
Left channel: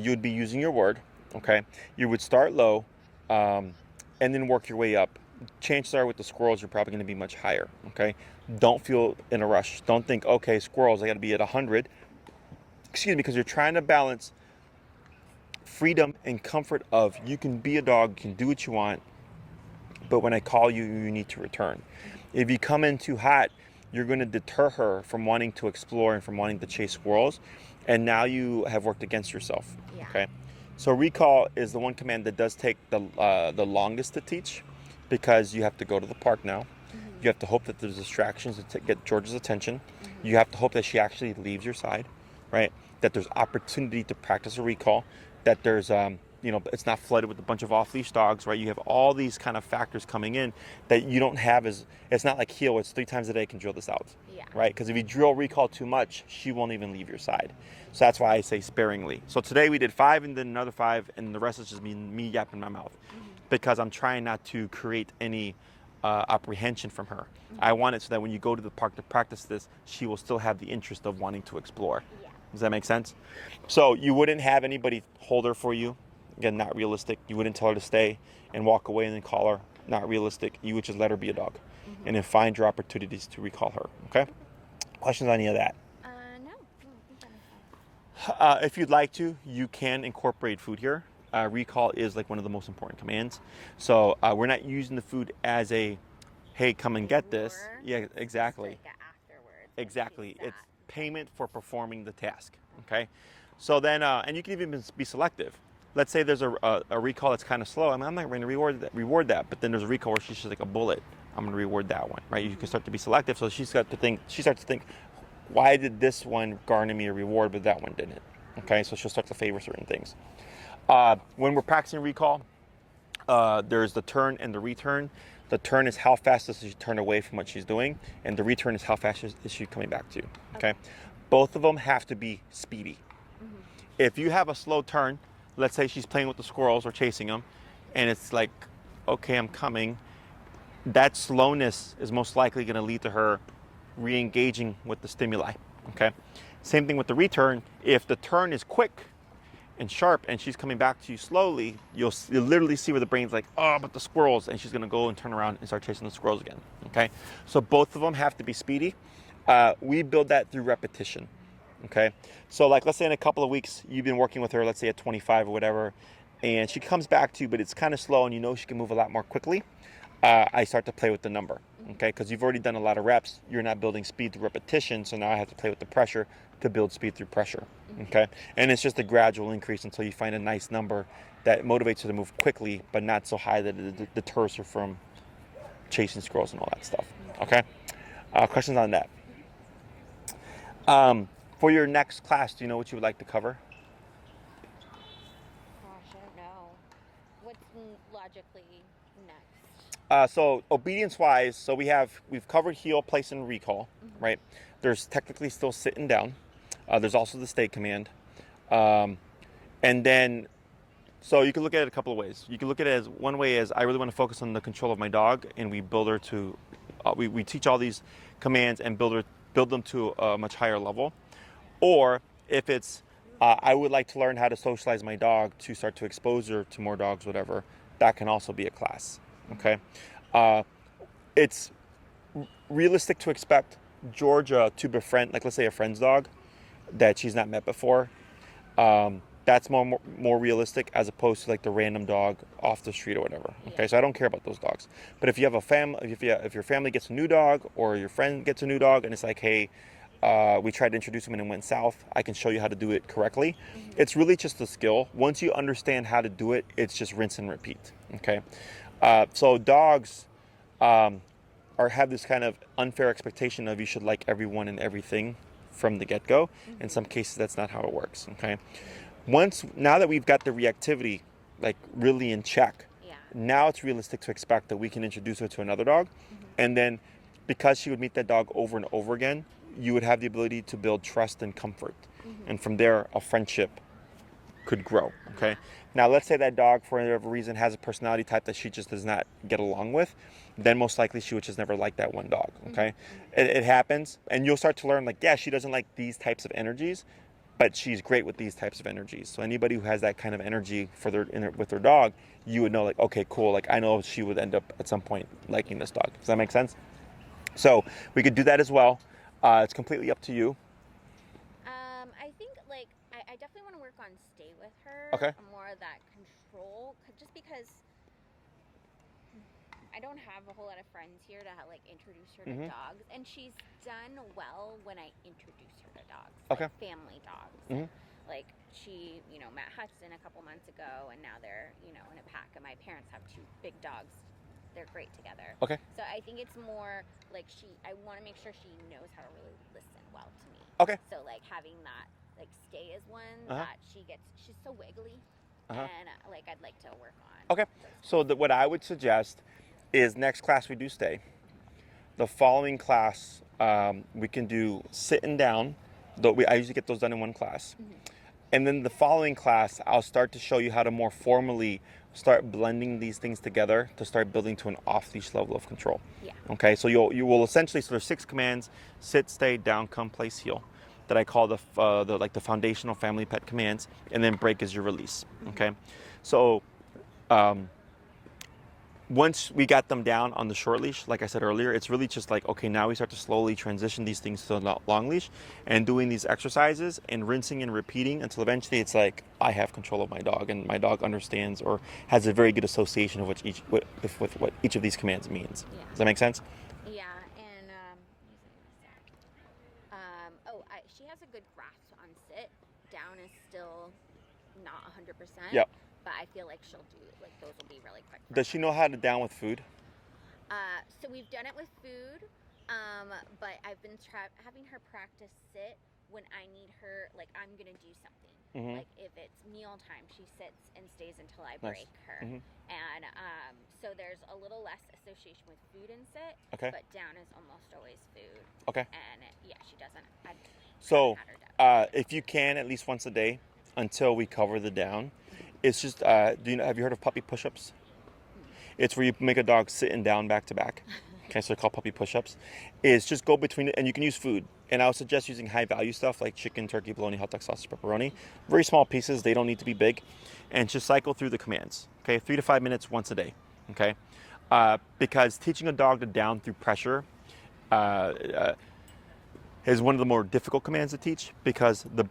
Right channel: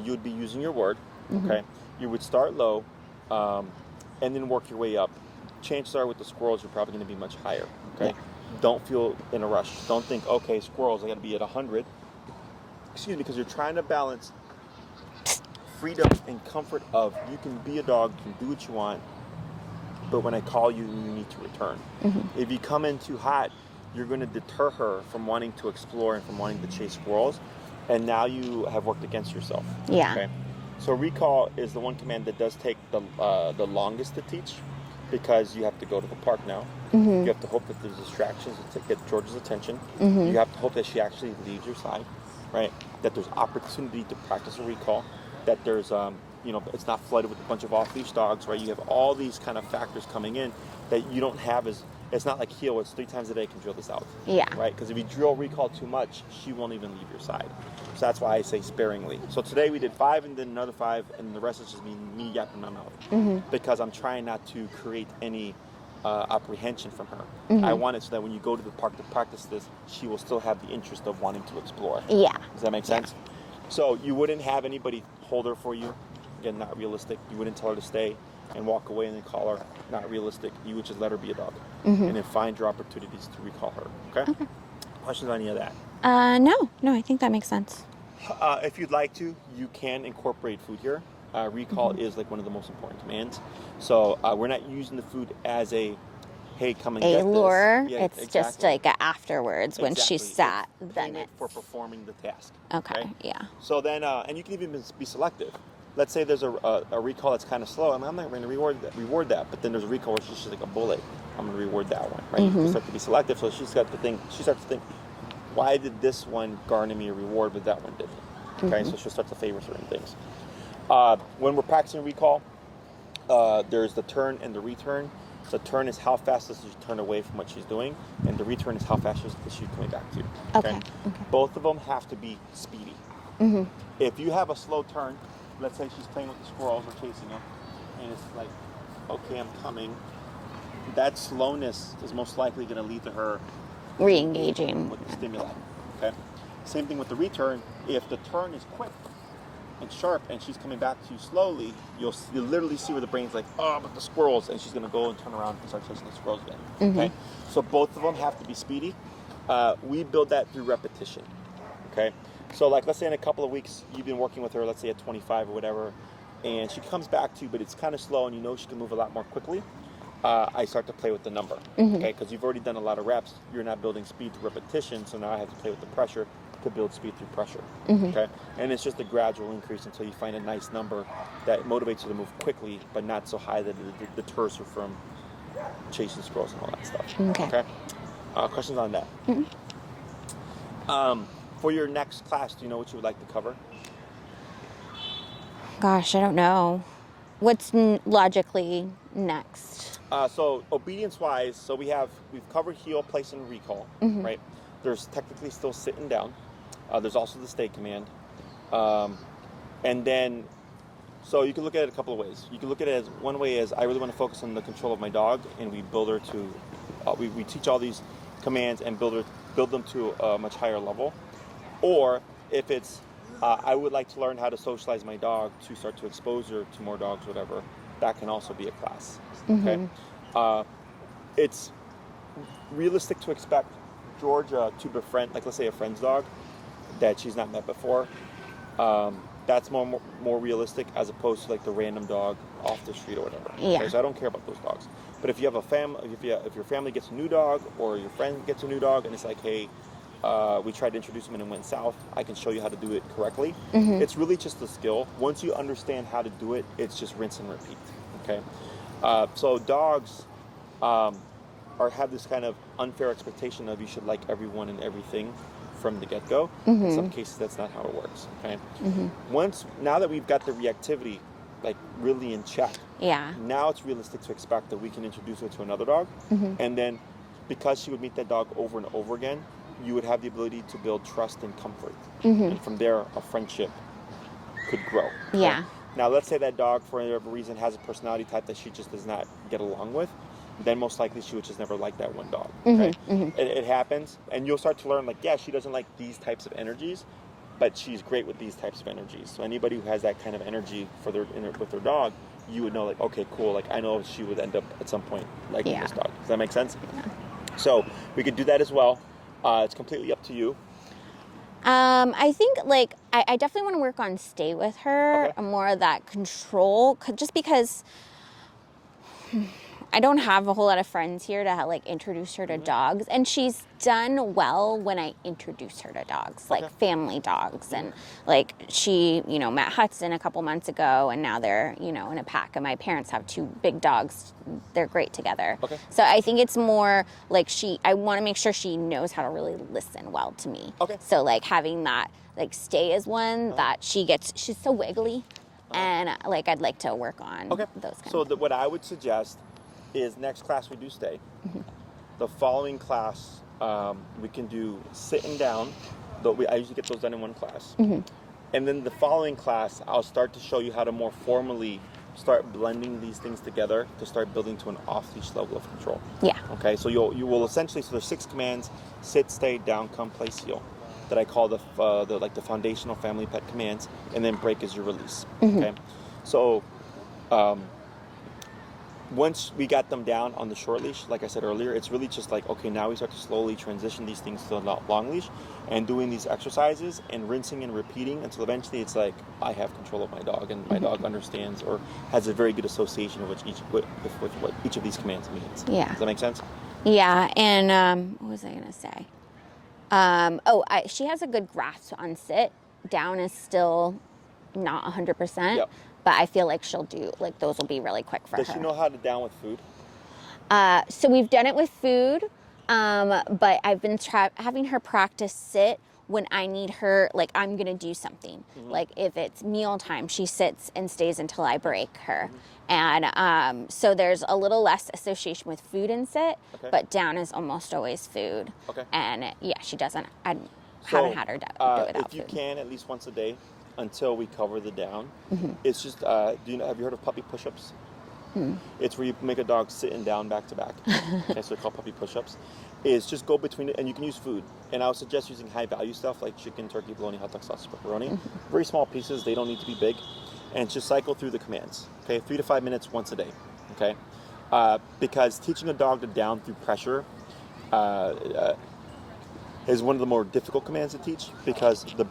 you would be using your word. Okay. You would start low, and then work your way up. Chances are with the squirrels, you're probably going to be much higher. Okay. Don't feel in a rush. Don't think, okay, squirrels, I got to be at 100. Excuse me, because you're trying to balance freedom and comfort of you can be a dog, can do what you want, but when I call you, you need to return. If you come in too hot, you're going to deter her from wanting to explore and from wanting to chase squirrels, and now you have worked against yourself. Yeah. Okay. So recall is the one command that does take the longest to teach, because you have to go to the park now. You have to hope that there's distractions to get George's attention. You have to hope that she actually leaves your side, right? That there's opportunity to practice a recall. That there's it's not flooded with a bunch of off-leash dogs, right? You have all these kind of factors coming in that you don't have it's not like heel, it's 3 times a day you can drill this out. Yeah. Right? Because if you drill recall too much, she won't even leave your side. So that's why I say sparingly. So today we did 5 and then another 5, and the rest is just me yapping my mouth. Because I'm trying not to create any apprehension from her. I want it so that when you go to the park to practice this, she will still have the interest of wanting to explore. Yeah. Does that make sense? So you wouldn't have anybody hold her for you. Again, not realistic. You wouldn't tell her to stay and walk away and then call her. Not realistic. You would just let her be a dog. And then find your opportunities to recall her. Okay? Questions on any of that? No, I think that makes sense. If you'd like to, you can incorporate food here. Recall is like one of the most important commands. So we're not using the food as a, hey, come and get lure. this. Yeah, it's exactly. just like a afterwards when she Exactly. sat. It's then payment for performing the task. Okay. Yeah. So then, and you can even be selective. Let's say there's a recall that's kind of slow, and I'm not going to reward that. But then there's a recall where she's just like a bullet. I'm going to reward that one, right? You can start to be selective. So she starts to think, why did this one garner me a reward, but that one didn't? Okay, so she'll start to favor certain things. When we're practicing recall, there's the turn and the return. The turn is how fast does she turn away from what she's doing, and the return is how fast is she coming back to. Okay. Both of them have to be speedy. If you have a slow turn, let's say she's playing with the squirrels or chasing them, and it's like, okay, I'm coming. That slowness is most likely going to lead to her re-engaging with the stimuli. Okay. Same thing with the return. If the turn is quick and sharp and she's coming back to you slowly, you'll literally see where the brain's like, oh, but the squirrels, and she's going to go and turn around and start chasing the squirrels again. Okay. So both of them have to be speedy. We build that through repetition. Okay. So like, let's say in a couple of weeks, you've been working with her, let's say at 25 or whatever, and she comes back to you, but it's kind of slow and you know she can move a lot more quickly. I start to play with the number, okay? Because you've already done a lot of reps. You're not building speed through repetition, so now I have to play with the pressure to build speed through pressure. Okay, and it's just a gradual increase until you find a nice number that motivates her to move quickly, but not so high that it deters her from chasing squirrels and all that stuff. Okay. Questions on that? For your next class, do you know what you would like to cover? Gosh, I don't know. What's logically next? So obedience-wise, so we've covered heel, place, and recall, right? There's technically still sitting down. There's also the stay command, and then so you can look at it a couple of ways. You can look at it as one way is I really want to focus on the control of my dog, and we build her to we teach all these commands and build them to a much higher level. Or if it's I would like to learn how to socialize my dog to start to expose her to more dogs, whatever. That can also be a class. Okay, it's realistic to expect Georgia to befriend, like let's say a friend's dog that she's not met before. That's more realistic as opposed to like the random dog off the street or whatever. Yeah. Okay, so I don't care about those dogs. But if you have a family, if your family gets a new dog or your friend gets a new dog and it's like, hey, we tried to introduce him and it went south, I can show you how to do it correctly. It's really just a skill. Once you understand how to do it, it's just rinse and repeat. Okay, so dogs have this kind of unfair expectation of you should like everyone and everything from the get-go. In some cases, that's not how it works. Okay, now that we've got the reactivity like really in check, now it's realistic to expect that we can introduce her to another dog, and then because she would meet that dog over and over again, you would have the ability to build trust and comfort, and from there a friendship could grow. Okay? Now let's say that dog for whatever reason has a personality type that she just does not get along with, then most likely she would just never like that one dog. Okay, it happens, and you'll start to learn like, yeah, she doesn't like these types of energies, but she's great with these types of energies. So anybody who has that kind of energy with their dog, you would know like, okay, cool, like I know she would end up at some point liking this dog. Does that make sense? So we could do that as well. It's completely up to you. I think like I definitely want to work on stay with her, more of that control, just because I don't have a whole lot of friends here to like introduce her to dogs, and she's done well when I introduce her to dogs, like family dogs, and like she, met Hudson a couple months ago, and now they're, in a pack, and my parents have 2 big dogs. They're great together. So I think it's more like I want to make sure she knows how to really listen well to me. So like having that, like stay is one that she's so wiggly, and like I'd like to work on those kinds of things. What I would suggest is next class we do stay. The following class we can do sitting down. I usually get those done in one class. And then the following class I'll start to show you how to more formally start blending these things together to start building to an off-leash level of control. Okay, so you will essentially, so there's 6 commands: sit, stay, down, come, place, heel, that I call the foundational family pet commands, and then break is your release. Okay, so once we got them down on the short leash, like I said earlier, it's really just like, okay, now we start to slowly transition these things to the long leash and doing these exercises and rinsing and repeating until eventually it's like, I have control of my dog, and my dog understands or has a very good association of with what each of these commands means. Does that make sense? And what was I going to say? She has a good grasp on sit. Down is still not 100%. But I feel like she'll do, like those will be really quick for her. Does she know how to down with food? So we've done it with food, but I've been having her practice sit when I need her, like I'm going to do something. Like if it's mealtime, she sits and stays until I break her. And so there's a little less association with food and sit, but down is almost always food. And she doesn't, I haven't had her do it if you can, at least once a day, until we cover the down. It's just, have you heard of puppy push-ups? It's where you make a dog sitting down back to back. Okay, so they're called puppy push-ups. It's just go between it, and you can use food. And I would suggest using high value stuff like chicken, turkey, bologna, hot dog sausage, pepperoni. Very small pieces, they don't need to be big. And just cycle through the commands. Okay, 3 to 5 minutes once a day. Okay, because teaching a dog to down through pressure is one of the more difficult commands to teach, because their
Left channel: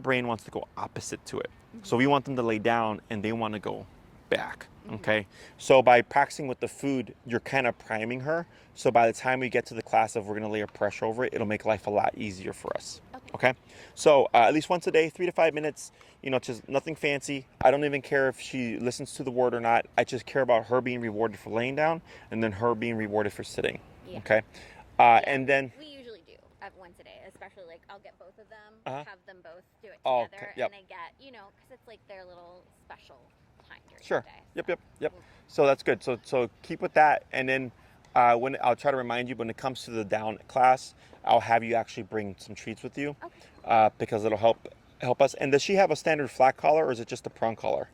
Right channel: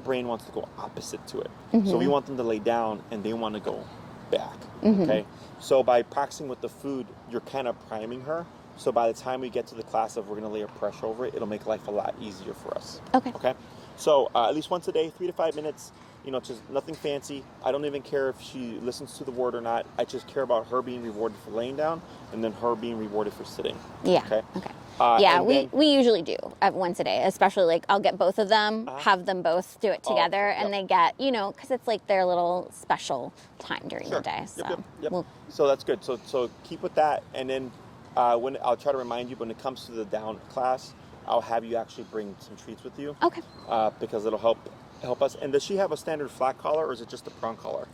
brain wants to go opposite to it. So we want them to lay down and they want to go back. Okay, so by practicing with the food, you're kind of priming her So by the time we get to the class of we're going to layer pressure over it, it'll make life a lot easier for us. Okay. Okay. So at least once a day, 3 to 5 minutes. You know, just nothing fancy. I don't even care if she listens to the word or not. I just care about her being rewarded for laying down and then her being rewarded for sitting. Yeah. Okay. Yeah, and then, we usually do once a day, especially like I'll get both of them, have them both do it together, okay, and they get, you know, because it's like their little special time during the day. So, Yep. So that's good. So keep with that, and then when I'll try to remind you when it comes to the down class, I'll have you actually bring some treats with you. Okay. Because it'll help us. And does she have a standard flat collar, or is it just a prong collar?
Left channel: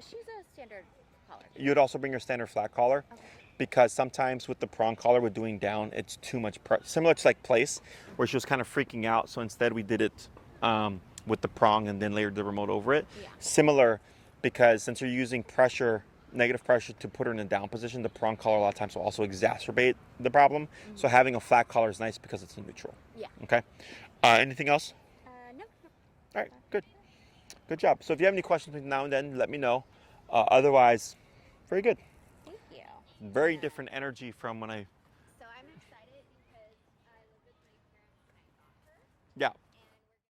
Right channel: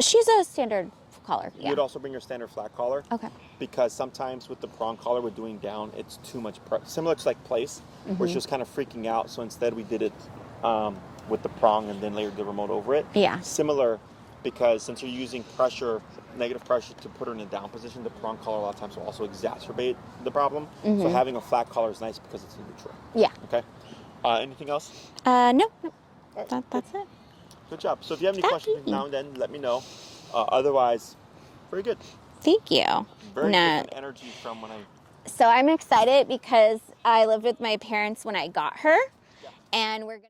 She's a standard collar. You would also bring your standard flat collar. Okay. Because sometimes with the prong collar, with doing down, it's too much similar to like place, where she was kind of freaking out. So instead, we did it with the prong and then layered the remote over it. Yeah. Similar, because since you're using pressure, negative pressure to put her in a down position, the prong collar a lot of times will also exacerbate the problem. So having a flat collar is nice because it's a neutral. Yeah. Okay. Anything else? No. All right. That's it. Good job. So if you have any questions between now and then, let me know. Otherwise, very good. Thank you. Very different energy from when I... So I'm excited because I lived with my parents when I got her. Yeah. And we're going to...